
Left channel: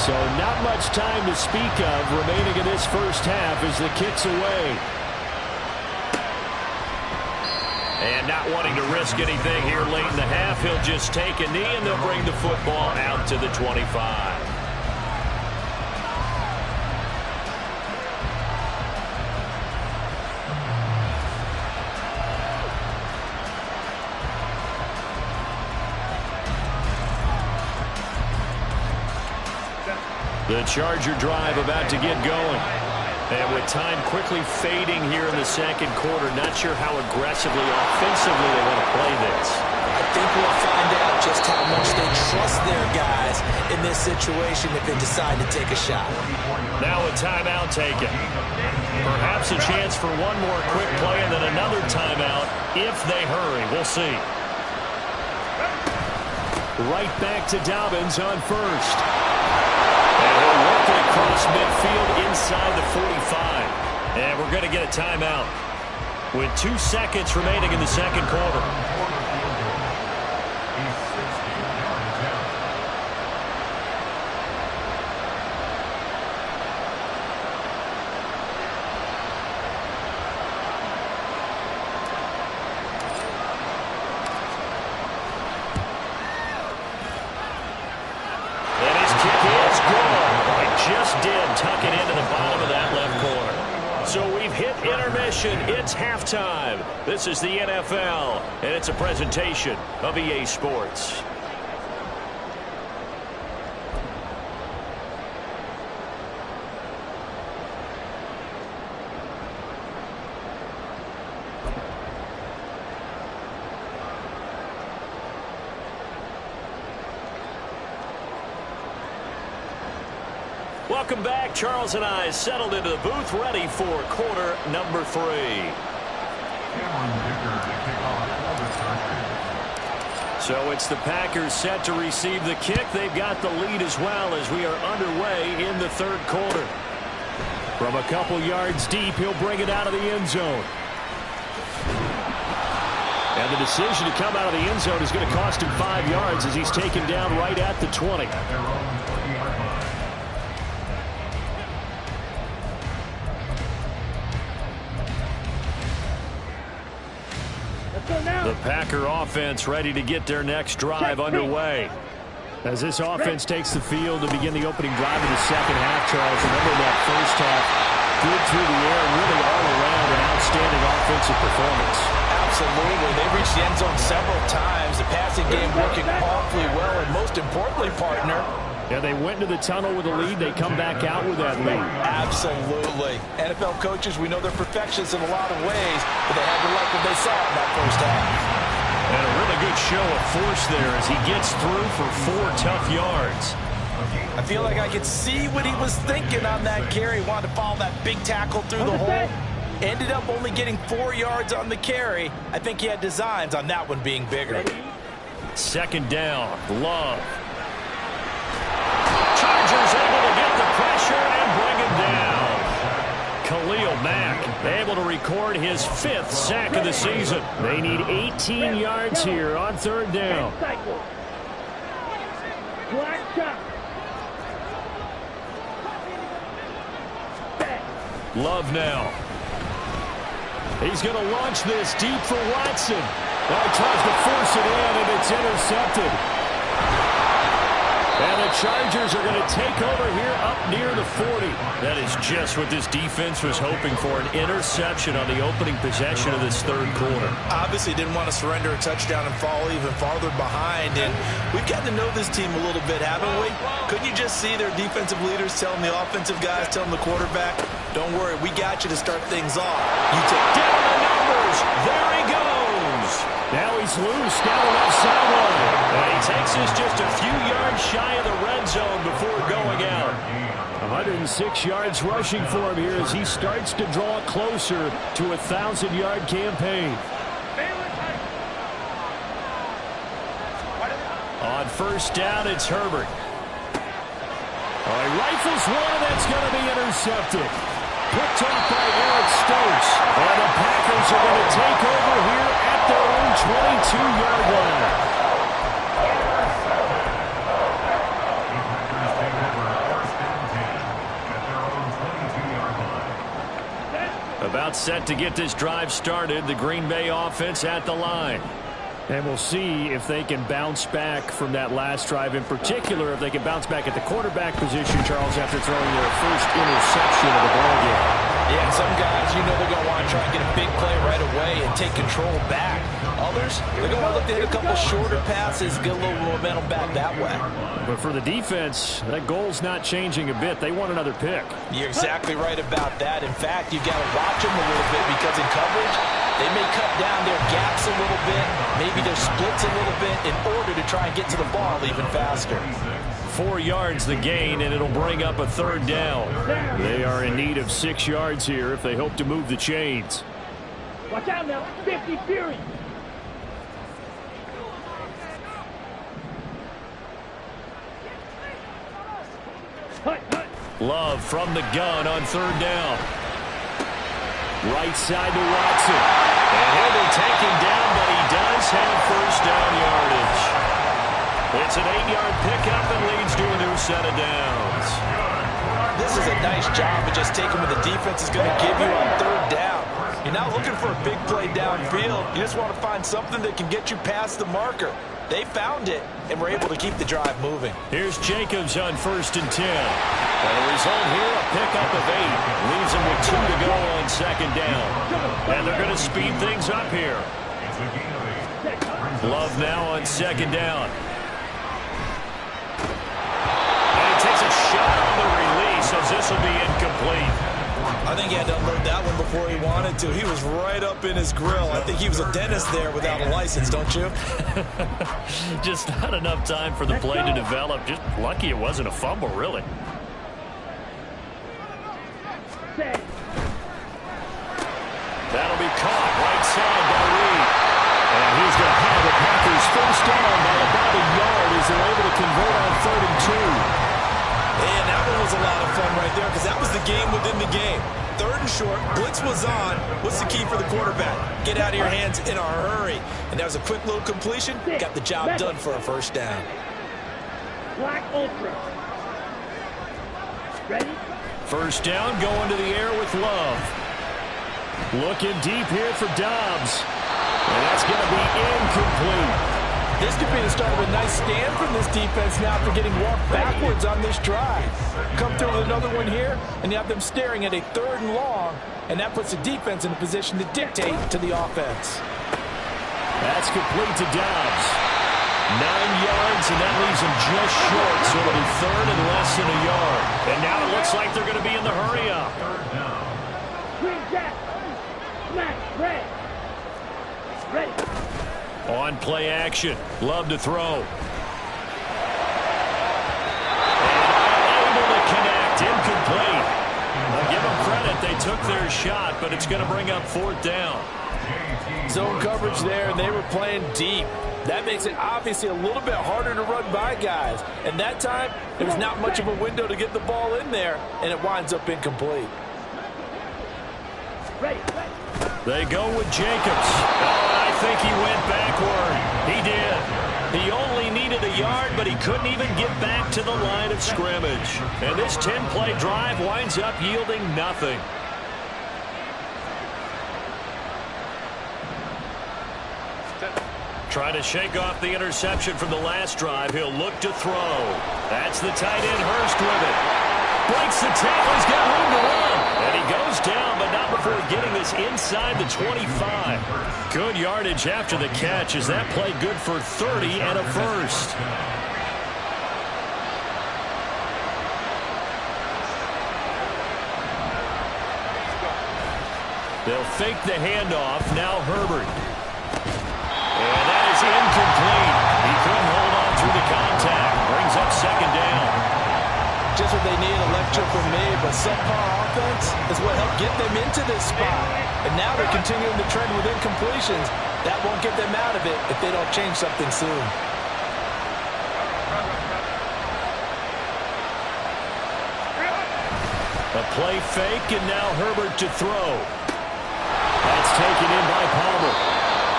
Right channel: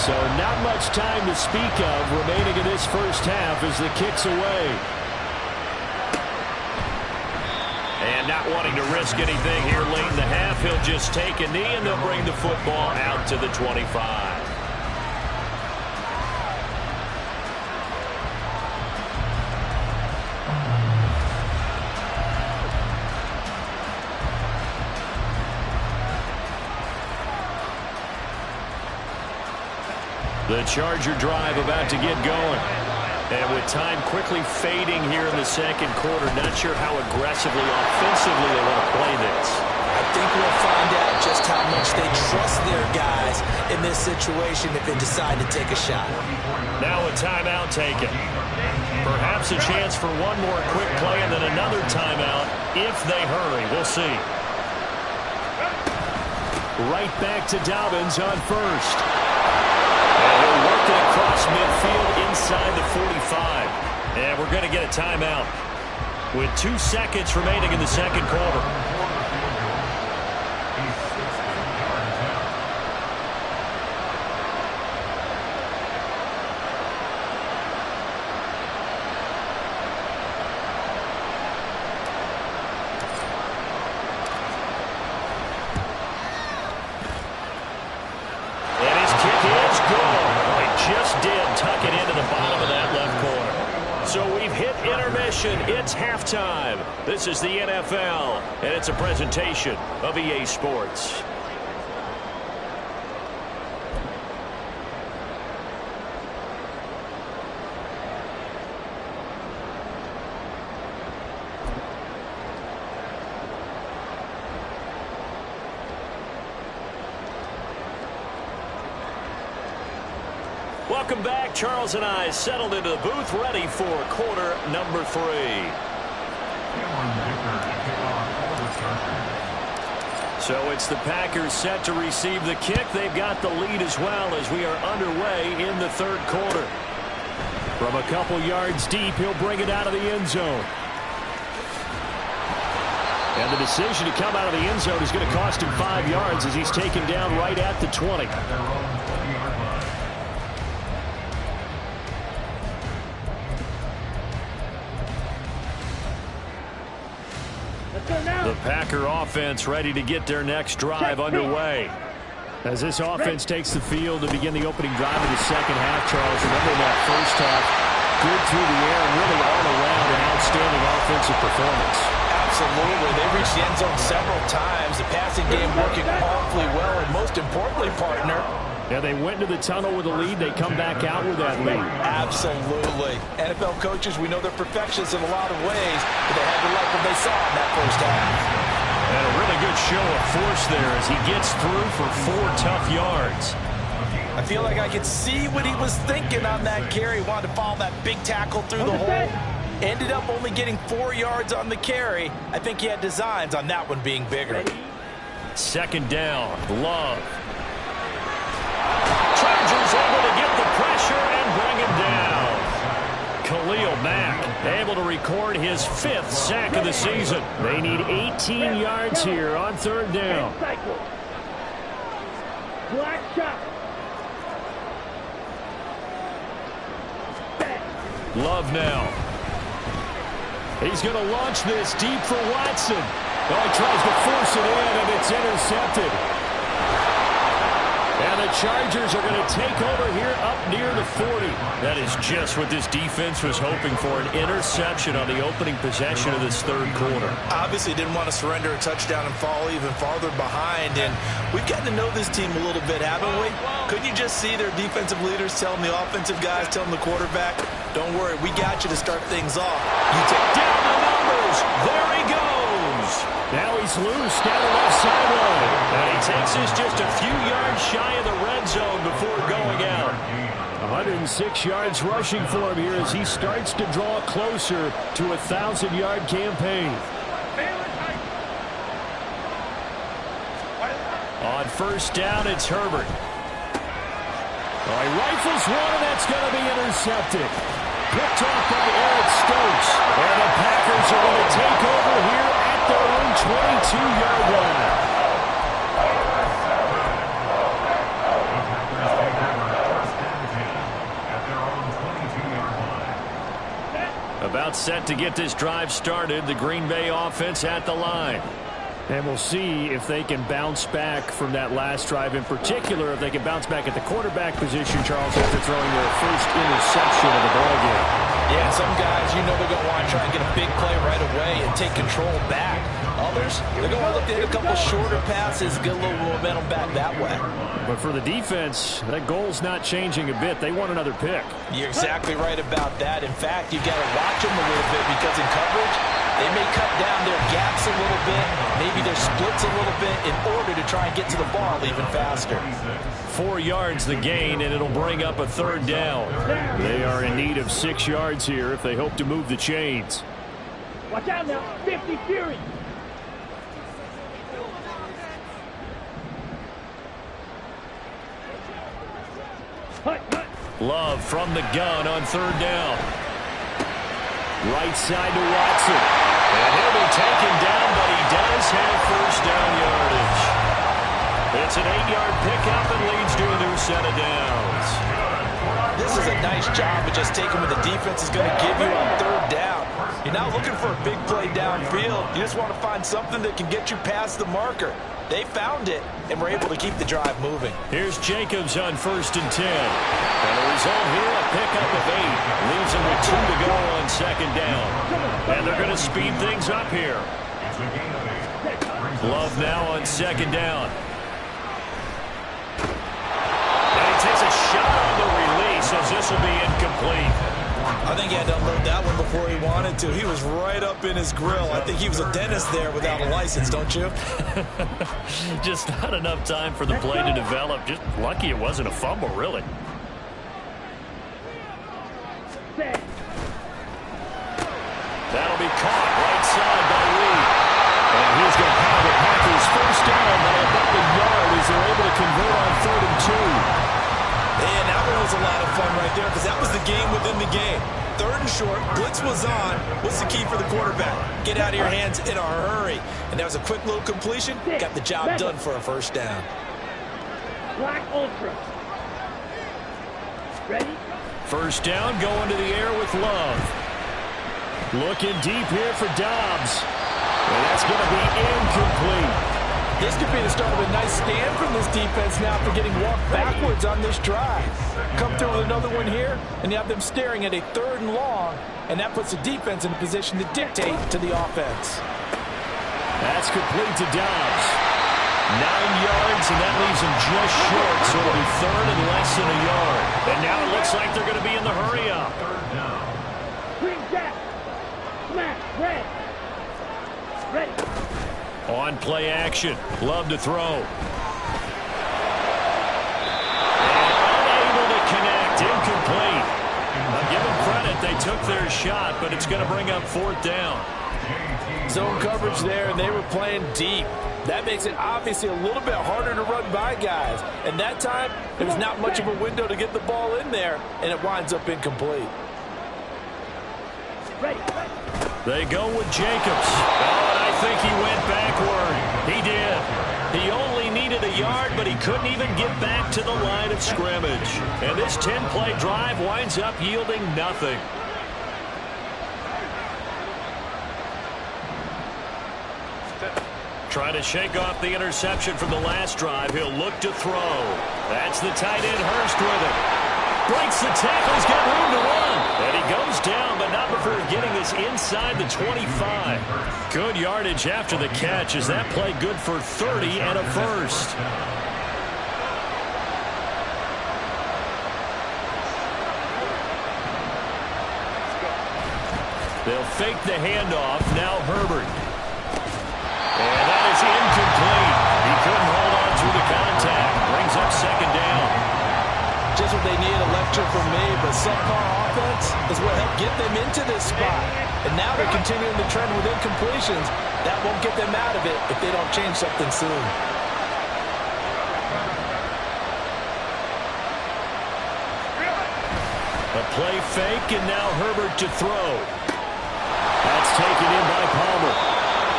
So not much time to speak of remaining in this first half as the kick's away. And not wanting to risk anything here late in the half, he'll just take a knee and they'll bring the football out to the 25. The Charger drive about to get going. And with time quickly fading here in the second quarter, not sure how aggressively, offensively they want to play this. I think we'll find out just how much they trust their guys in this situation if they decide to take a shot. Now a timeout taken. Perhaps a chance for one more quick play and then another timeout if they hurry. We'll see. Right back to Dobbins on first. And he'll work it across midfield inside the 45. And we're going to get a timeout with 2 seconds remaining in the second quarter. Just did tuck it into the bottom of that left corner. So we've hit intermission. It's halftime. This is the NFL, and it's a presentation of EA Sports. Welcome back. Charles and I settled into the booth, ready for quarter number 3. So it's the Packers set to receive the kick. They've got the lead as well as we are underway in the third quarter. From a couple yards deep, he'll bring it out of the end zone. And the decision to come out of the end zone is going to cost him 5 yards as he's taken down right at the 20. The Packer offense ready to get their next drive underway. As this offense takes the field to begin the opening drive of the second half, Charles, remember that first half, good through the air, really all around an outstanding offensive performance. Absolutely. They reached the end zone several times. The passing game working awfully well, and most importantly, partner, yeah, they went into the tunnel with a lead. They come back out with that lead. Absolutely. NFL coaches, we know they're perfectionists in a lot of ways, but they had to like what they saw in that first half. And a really good show of force there as he gets through for 4 tough yards. I feel like I could see what he was thinking on that carry. He wanted to follow that big tackle through the hole. Ended up only getting 4 yards on the carry. I think he had designs on that one being bigger. Second down, Love. Chargers able to get the pressure and bring him down. Khalil Mack able to record his 5th sack of the season. They need 18 yards here on third down. Black shot. Love now. He's going to launch this deep for Watson. Oh, he tries to force it in, and it's intercepted. And the Chargers are going to take over here up near the 40. That is just what this defense was hoping for, an interception on the opening possession of this third quarter. Obviously didn't want to surrender a touchdown and fall even farther behind. And we've gotten to know this team a little bit, haven't we? Couldn't you just see their defensive leaders telling the offensive guys, telling the quarterback, don't worry, we got you to start things off. You take down the numbers. There he goes. Now he's loose down the left sideline. And he takes us just a few yards shy of the red zone before going out. 106 yards rushing for him here as he starts to draw closer to a 1,000-yard campaign. On first down, it's Herbert. He rifles one, and that's going to be intercepted. Picked off by Eric Stokes. And the Packers are going to take over here at their own 22-yard line. The Packers take over first and 10 at their own 22-yard line. About set to get this drive started. The Green Bay offense at the line. And we'll see if they can bounce back from that last drive, in particular if they can bounce back at the quarterback position, Charles, after throwing their first interception of the ballgame. Yeah, and some guys, you know they're going to want to try and get a big play right away and take control back. Others, they're going to look to hit a couple shorter passes, get a little momentum back that way. But for the defense, that goal's not changing a bit. They want another pick. You're exactly right about that. In fact, you've got to watch them a little bit because in coverage, they may cut down their gaps a little bit, maybe their splits a little bit in order to try and get to the ball even faster. 4 yards the gain, and it'll bring up a third down. They are in need of 6 yards here if they hope to move the chains. Watch out now. 50 Fury. Love from the gun on third down. Right side to Watson. And he'll be taken down, but he does have first down yardage. It's an 8-yard pickup and leads to a new set of downs. This is a nice job of just taking what the defense is going to give you on third down. You're not looking for a big play downfield. You just want to find something that can get you past the marker. They found it and were able to keep the drive moving. Here's Jacobs on first and 10. And the result here, a pickup of 8. Leaves him with 2 to go on second down. And they're going to speed things up here. It's a gain of 8. Love now on second down. And he takes a shot on the release as this will be incomplete. I think he had to unload that one before he wanted to. He was right up in his grill. I think he was a dentist there without a license, don't you? Just not enough time for the play to develop. Just lucky it wasn't a fumble, really. That'll be caught right side by Reed. And he's going to have the Packers first down by about a yard as they're able to convert on third and 2. And that one was a lot of fun right there because that was the game within the game. Third and short, blitz was on. What's the key for the quarterback? Get out of your hands in a hurry. And that was a quick little completion. Got the job done for a first down. Black Ultra. Ready? First down, going to the air with Love. Looking deep here for Dobbs. And that's going to be incomplete. This could be the start of a nice stand from this defense now after getting walked backwards on this drive. Come through with another one here, and you have them staring at a third and long, and that puts the defense in a position to dictate to the offense. That's complete to Dobbs. 9 yards, and that leaves him just short, so it'll be third and less than a yard. And now it looks like they're going to be in the hurry-up. Green Jack. Smash. Red. Ready. On play action. Love to throw. And unable to connect. Incomplete. Now give them credit. They took their shot, but it's going to bring up fourth down. Zone coverage there, and they were playing deep. That makes it obviously a little bit harder to run by guys. And that time, there was not much of a window to get the ball in there, and it winds up incomplete. Ready. They go with Jacobs. Oh, and I think he went backward. He did. He only needed a yard, but he couldn't even get back to the line of scrimmage. And this 10-play drive winds up yielding nothing. Trying to shake off the interception from the last drive. He'll look to throw. That's the tight end, Hurst, with it. Breaks the tackle. He's got room to run. And he goes down, but not before getting this inside the 25. Good yardage after the catch as that play good for 30 and a first. They'll fake the handoff. Now Herbert. And that is incomplete. He couldn't hold on through the contact. Brings up second down. just what they need, a lecture from me, but subpar offense is what helped get them into this spot. And now they're continuing the trend with incompletions. That won't get them out of it if they don't change something soon. A play fake, and now Herbert to throw. That's taken in by Palmer.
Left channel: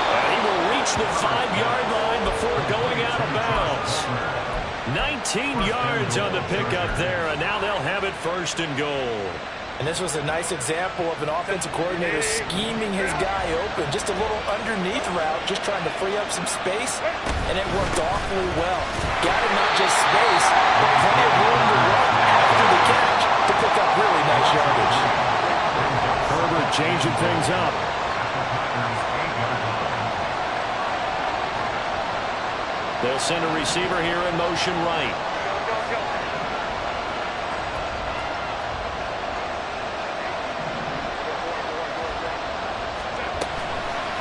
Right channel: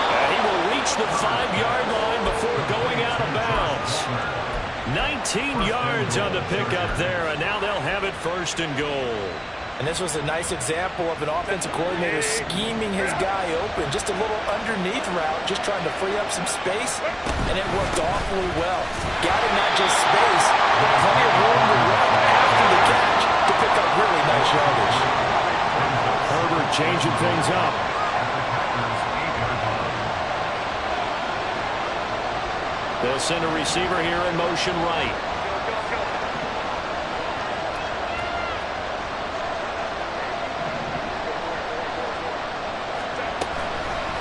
And he will reach the 5-yard line before going out of bounds. 19 yards on the pickup there, and now they'll have it 1st and goal. And this was a nice example of an offensive coordinator scheming his guy open. Just a little underneath route, just trying to free up some space, and it worked awfully well. Got him not just space, but plenty of room to run after the catch to pick up really nice yardage. Herbert changing things up. They'll send a receiver here in motion right.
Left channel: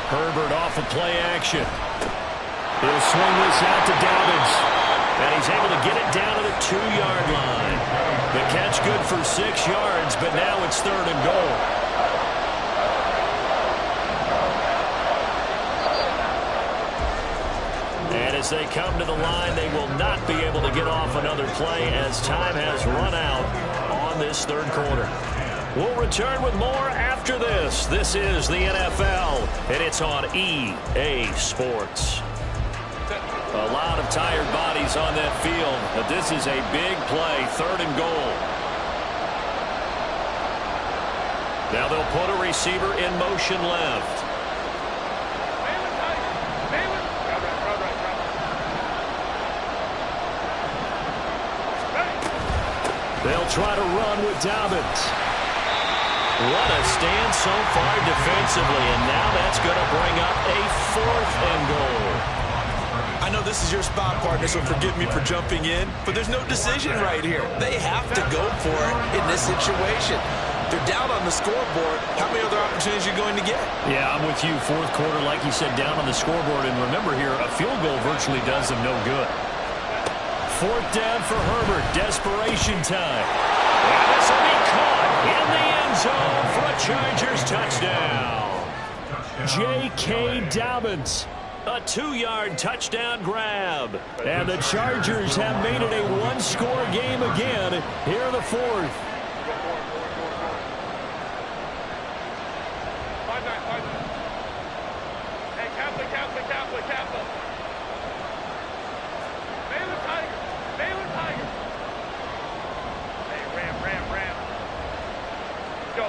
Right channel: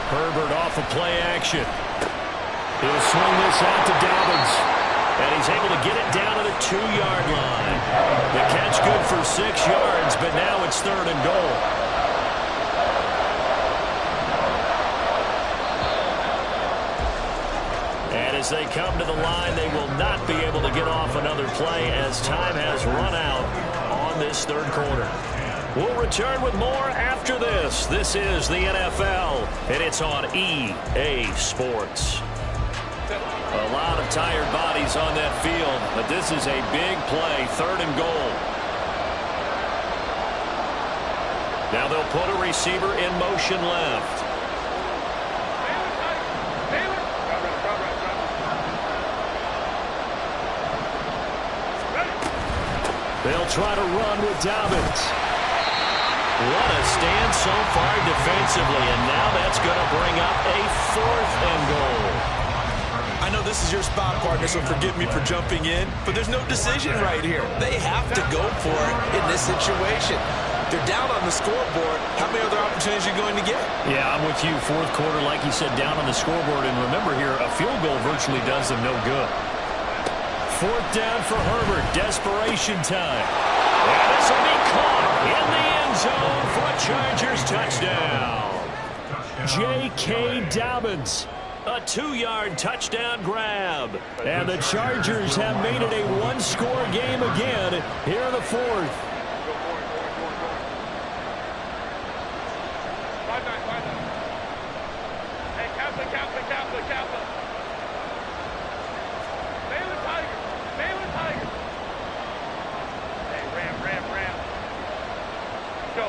Herbert off of play action. He'll swing this out to Dobbins. And he's able to get it down to the 2-yard line. The catch good for 6 yards, but now it's 3rd and goal. And as they come to the line, they will not be able to get off another play as time has run out on this 3rd quarter. We'll return with more after this. This is the NFL, and it's on EA Sports. A lot of tired bodies on that field, but this is a big play, 3rd and goal. Now they'll put a receiver in motion left. They'll try to run with Dobbins. What a stand so far defensively, and now that's going to bring up a 4th and goal. I know this is your spot, partner, so forgive me for jumping in, but there's no decision right here. They have to go for it in this situation. They're down on the scoreboard. How many other opportunities are you going to get? Yeah, I'm with you. 4th quarter, like you said, down on the scoreboard. And remember here, a field goal virtually does them no good. 4th down for Herbert. Desperation time. And this will be caught in the end zone for a Chargers touchdown. J.K. Dobbins. A 2-yard touchdown grab. And the Chargers have made it a 1-score game again here in the 4th. 5-9. Hey, Kaplan. Baylor Tigers. Hey, Ram. Let's go.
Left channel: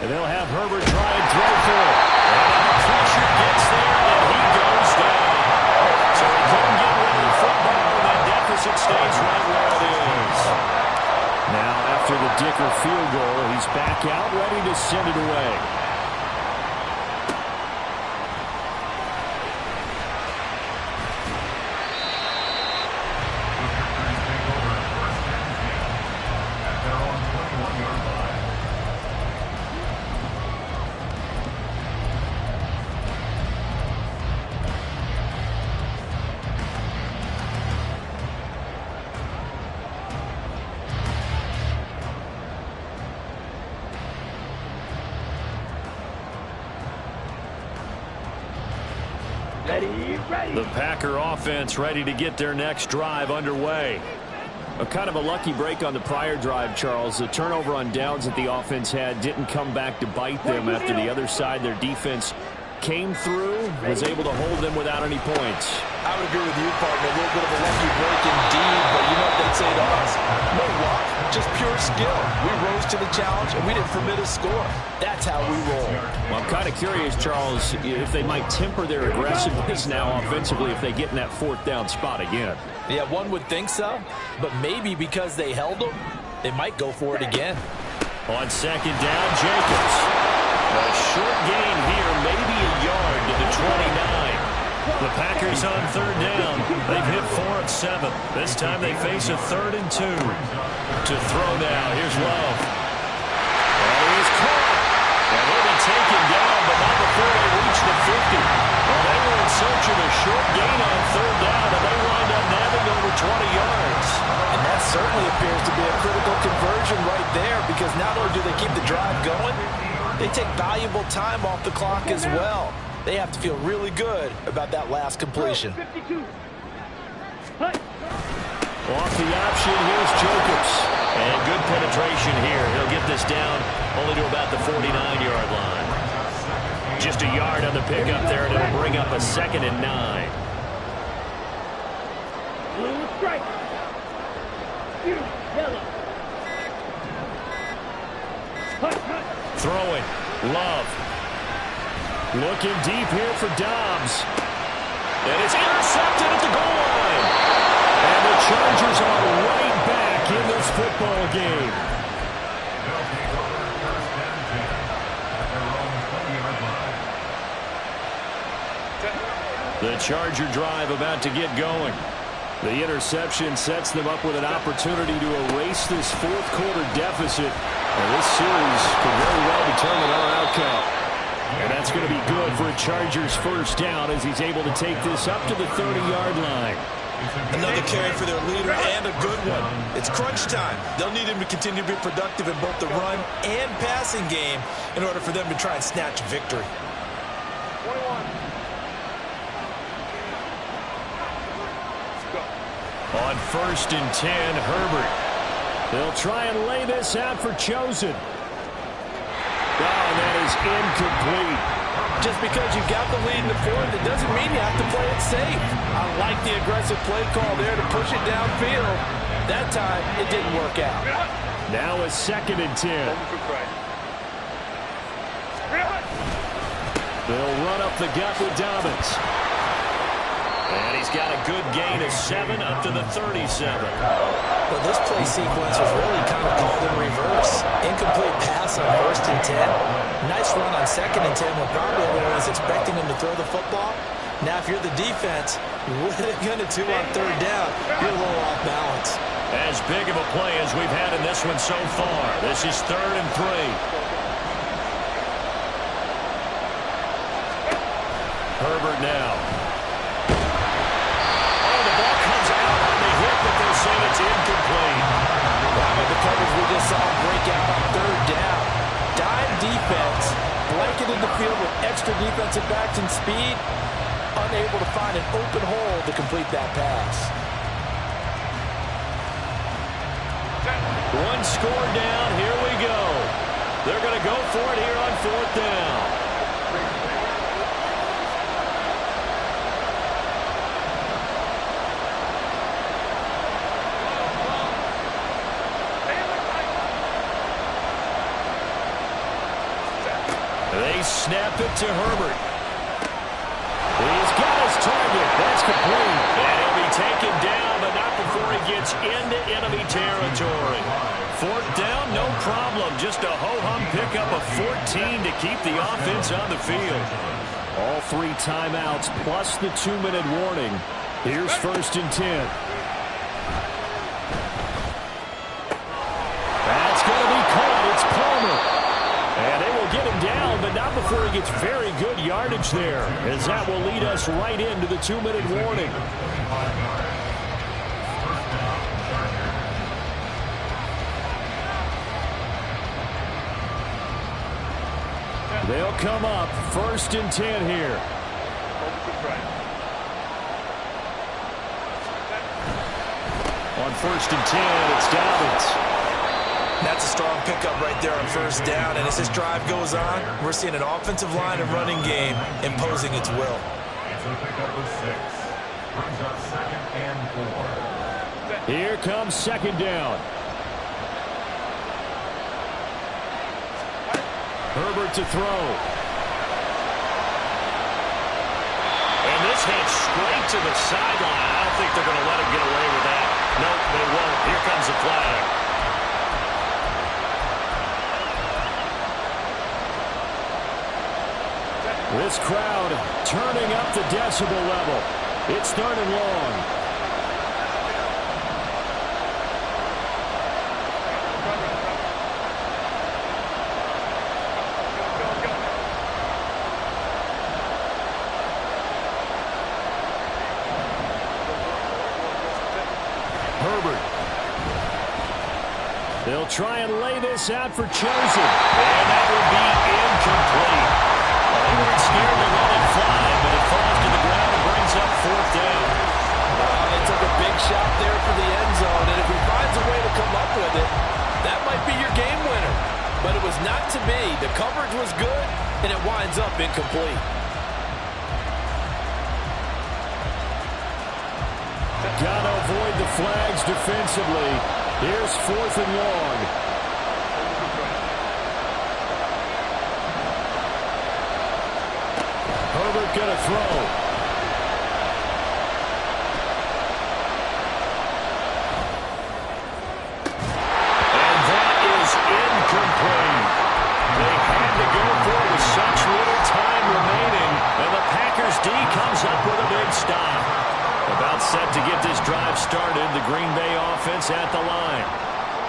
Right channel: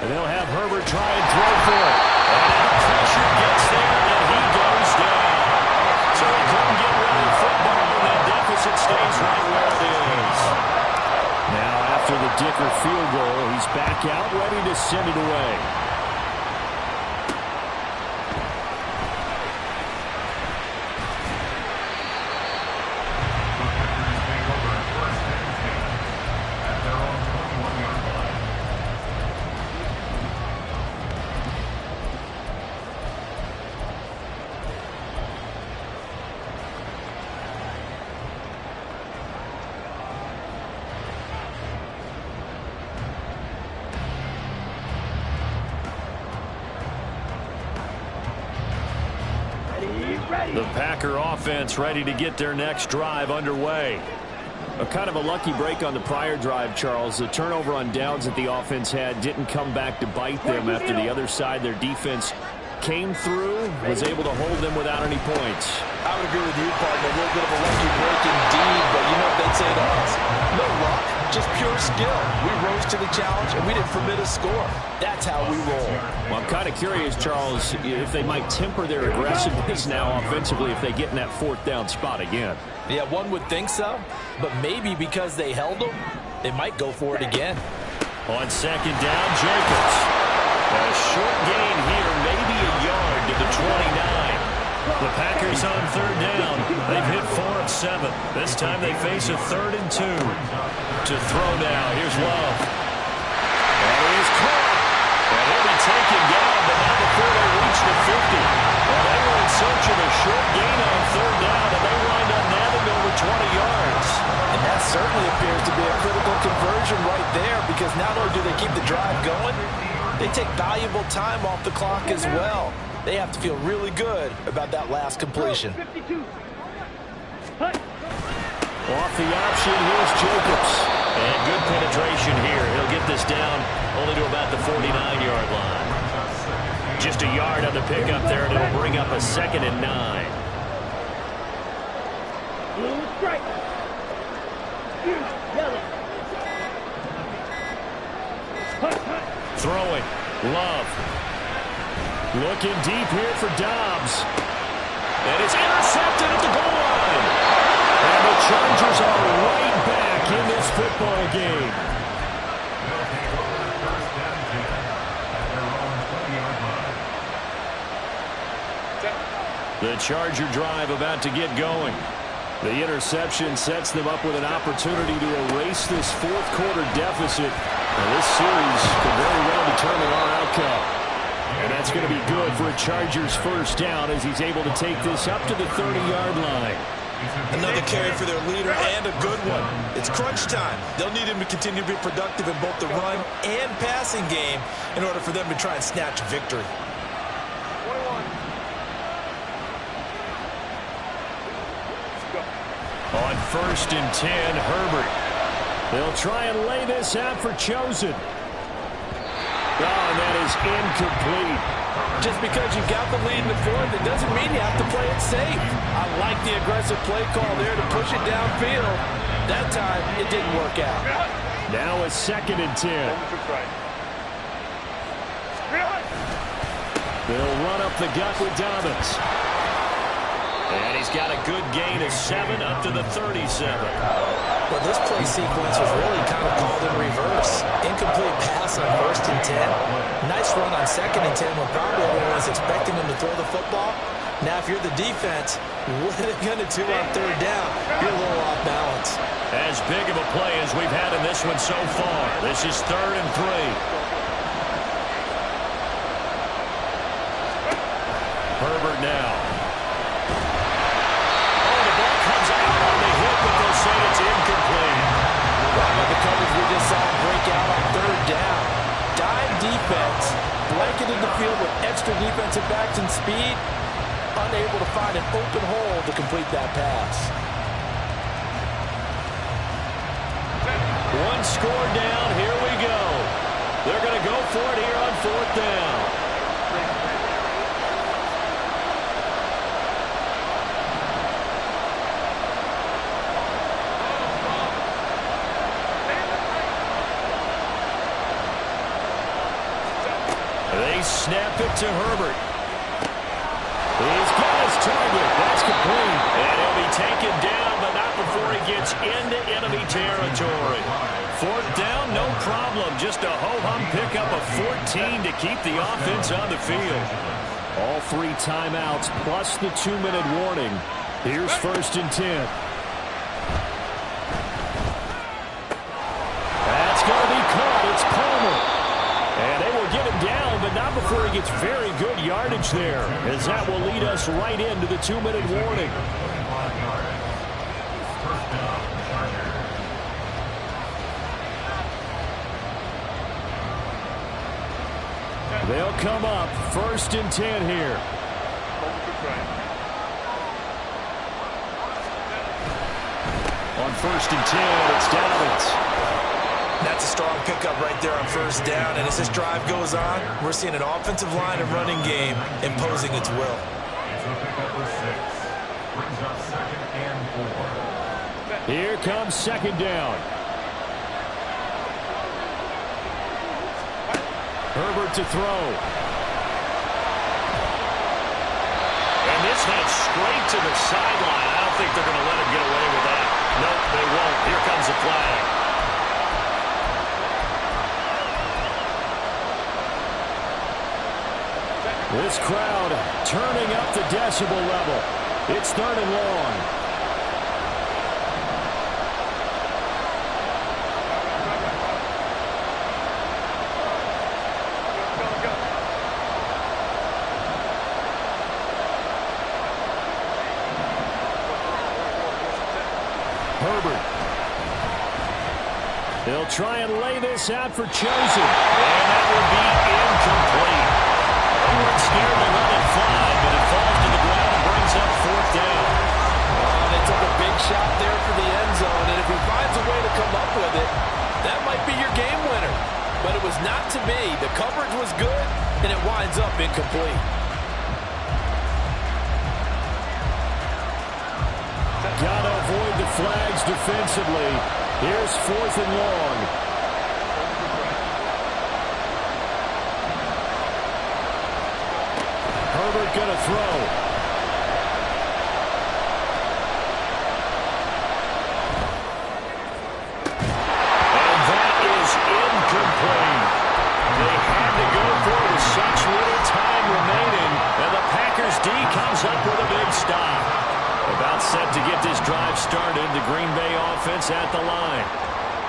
And they'll have Herbert try and throw for it. And now pressure gets there, and he goes down. So he couldn't get rid of the football, and that deficit stays right where it is. Now, after the Dicker field goal, he's back out, ready to send it away. The Packer offense ready to get their next drive underway. A kind of a lucky break on the prior drive, Charles. The turnover on downs that the offense had didn't come back to bite them after the other side. Their defense came through, was able to hold them without any points. I would agree with you, partner. A little bit of a lucky break indeed, but you know what they'd say to us? No luck, just pure skill. We rose to the challenge, and we didn't permit a score. That's how we roll. Well, I'm kind of curious, Charles, if they might temper their aggressiveness now offensively if they get in that 4th down spot again. Yeah, one would think so, but maybe because they held them, they might go for it again. On 2nd down, Jacobs. A short gain here, maybe a yard to the 29. The Packers on 3rd down. They've hit 4 of 7. This time they face a 3rd and 2. To throw now, here's Love. And he is caught. And he'll be taken down, but not before they reach the 50. Well, they were in search of a short gain on 3rd down, and they wind up nabbing over 20 yards. certainly appears to be a critical conversion right there, because not only do they keep the drive going, they take valuable time off the clock as well. They have to feel really good about that last completion. 52. Hut. Off the option, here's Jacobs. And good penetration here. He'll get this down only to about the 49-yard line. Just a yard on the pickup there, and it'll bring up a 2nd and 9. Blue strike. Yellow. Hut, hut. Throwing. Love. Looking deep here for Dobbs. And it's intercepted at the goal line. And the Chargers are right back in this football game. They'll take over 1st and 10 at their own 20-yard line. The Charger drive about to get going. The interception sets them up with an opportunity to erase this 4th quarter deficit. And this series could very well determine our outcome. And that's going to be good for a Chargers first down as he's able to take this up to the 30-yard line. Another carry for their leader, and a good one. It's crunch time. They'll need him to continue to be productive in both the run and passing game in order for them to try and snatch victory. 21. Let's go. On 1st and 10, Herbert. They'll try and lay this out for Chosen. Oh, and that is incomplete. Just because you've got the lead in the 4th, it doesn't mean you have to play it safe. I like the aggressive play call there to push it downfield. That time, it didn't work out. Now a 2nd and 10. They'll run up the gut with Dobbins. And he's got a good gain of 7 up to the 37. Well, this play sequence was really kind of called in reverse. Incomplete pass on 1st and 10. Nice run on 2nd and 10 when probably everyone was expecting him to throw the football. Now, if you're the defense, what are they going to do on 3rd down? You're a little off balance. As big of a play as we've had in this one so far. This is 3rd and 3. Herbert now. But they'll say it's incomplete. How about the coverage we just saw break out on 3rd down? Dime defense, blanketed the field with extra defensive backs and speed, unable to find an open hole to complete that pass. 1 score down, here we go. They're going to go for it here on 4th down. They snap it to Herbert. He's got his target. That's complete. And he'll be taken down, but not before he gets into enemy territory. 4th down, no problem. Just a ho-hum pickup of 14 to keep the offense on the field. All 3 timeouts plus the 2-minute warning. Here's 1st and 10. That's going to be caught. It's Palmer. And they will get him down, but not before he gets very good yardage there, as that will lead us right into the 2-minute warning. They'll come up 1st and 10 here. On 1st and 10, it's Dobbins. That's a strong pickup right there on 1st down, and as this drive goes on, we're seeing an offensive line and running game imposing its will. It's a pickup of 6. Brings up 2nd and 4. Here comes 2nd down. Herbert to throw. And this heads straight to the sideline. I don't think they're going to let him get away with that. Nope, they won't. Here comes the flag. This crowd turning up the decibel level. It's 3rd and long. Go. Herbert. They'll try and lay this out for Chosen. And that will be incomplete. They weren't scared to let it fly, but it falls to the ground and brings up fourth down. They took a big shot there for the end zone, and if he finds a way to come up with it, that might be your game winner. But it was not to be. The coverage was good, and it winds up incomplete. Got to avoid the flags defensively. Here's 4th and long. Herbert going to throw. And that is incomplete. They had to go for it with such little time remaining, and the Packers D comes up with a big stop. About set to get this drive started, the Green Bay offense at the line.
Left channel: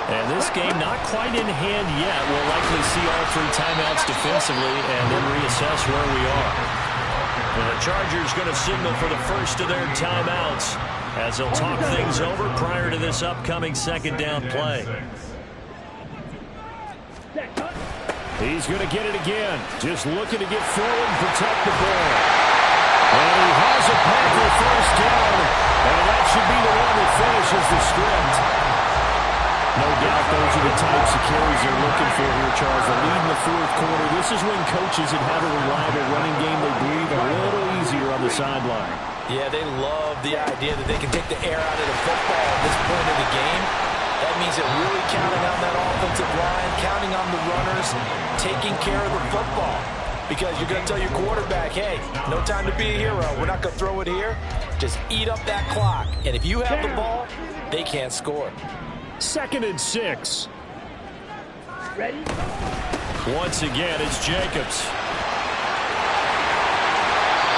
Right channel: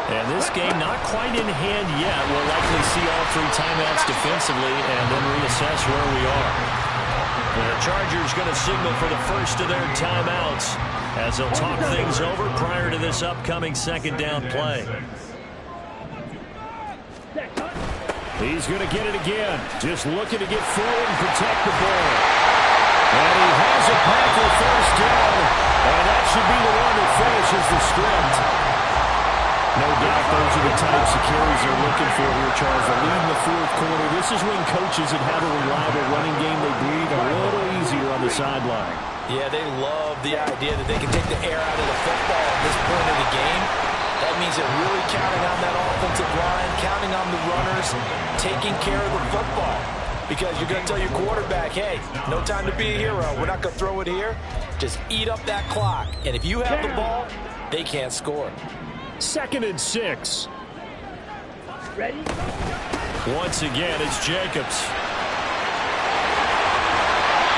And this game not quite in hand yet. We'll likely see all 3 timeouts defensively and then reassess where we are. The Chargers going to signal for the first of their timeouts as they'll talk things over prior to this upcoming second down play. He's going to get it again. Just looking to get forward and protect the ball. And he has a Packer first down. And that should be the one that finishes the script. No doubt those are the types of carries they're looking for here, Charles. The lead in the 4th quarter. This is when coaches that have a reliable running game, they breathe a little easier on the sideline. Yeah, they love the idea that they can take the air out of the football at this point of the game. That means they're really counting on that offensive line, counting on the runners, taking care of the football. Because you're going to tell your quarterback, hey, no time to be a hero. We're not going to throw it here. Just eat up that clock. And if you have the ball, they can't score. 2nd and 6. Ready? Once again, it's Jacobs.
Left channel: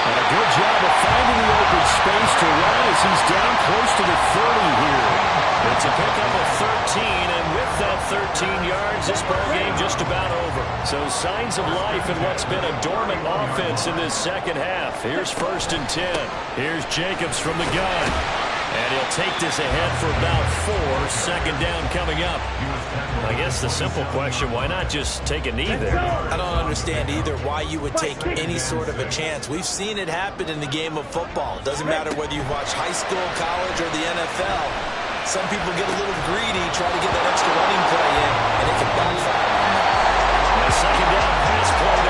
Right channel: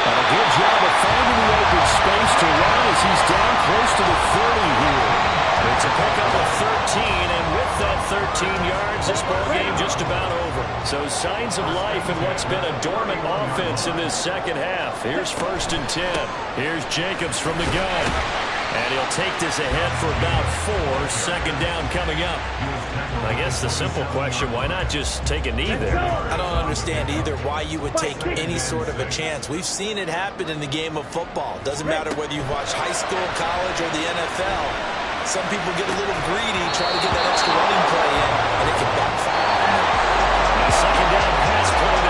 And a good job of finding the open space to run as he's down close to the 30 here. It's a pickup of 13, and with that 13 yards, this ballgame just about over. So signs of life in what's been a dormant offense in this second half. Here's 1st and 10. Here's Jacobs from the gun. And he'll take this ahead for about 4. Second down coming up. I guess the simple question, why not just take a knee there? I don't understand either why you would take any sort of a chance. We've seen it happen in the game of football. Doesn't matter whether you watch high school, college, or the NFL. Some people get a little greedy, try to get that extra running play in, and it can backfire on them. A second down pass play there.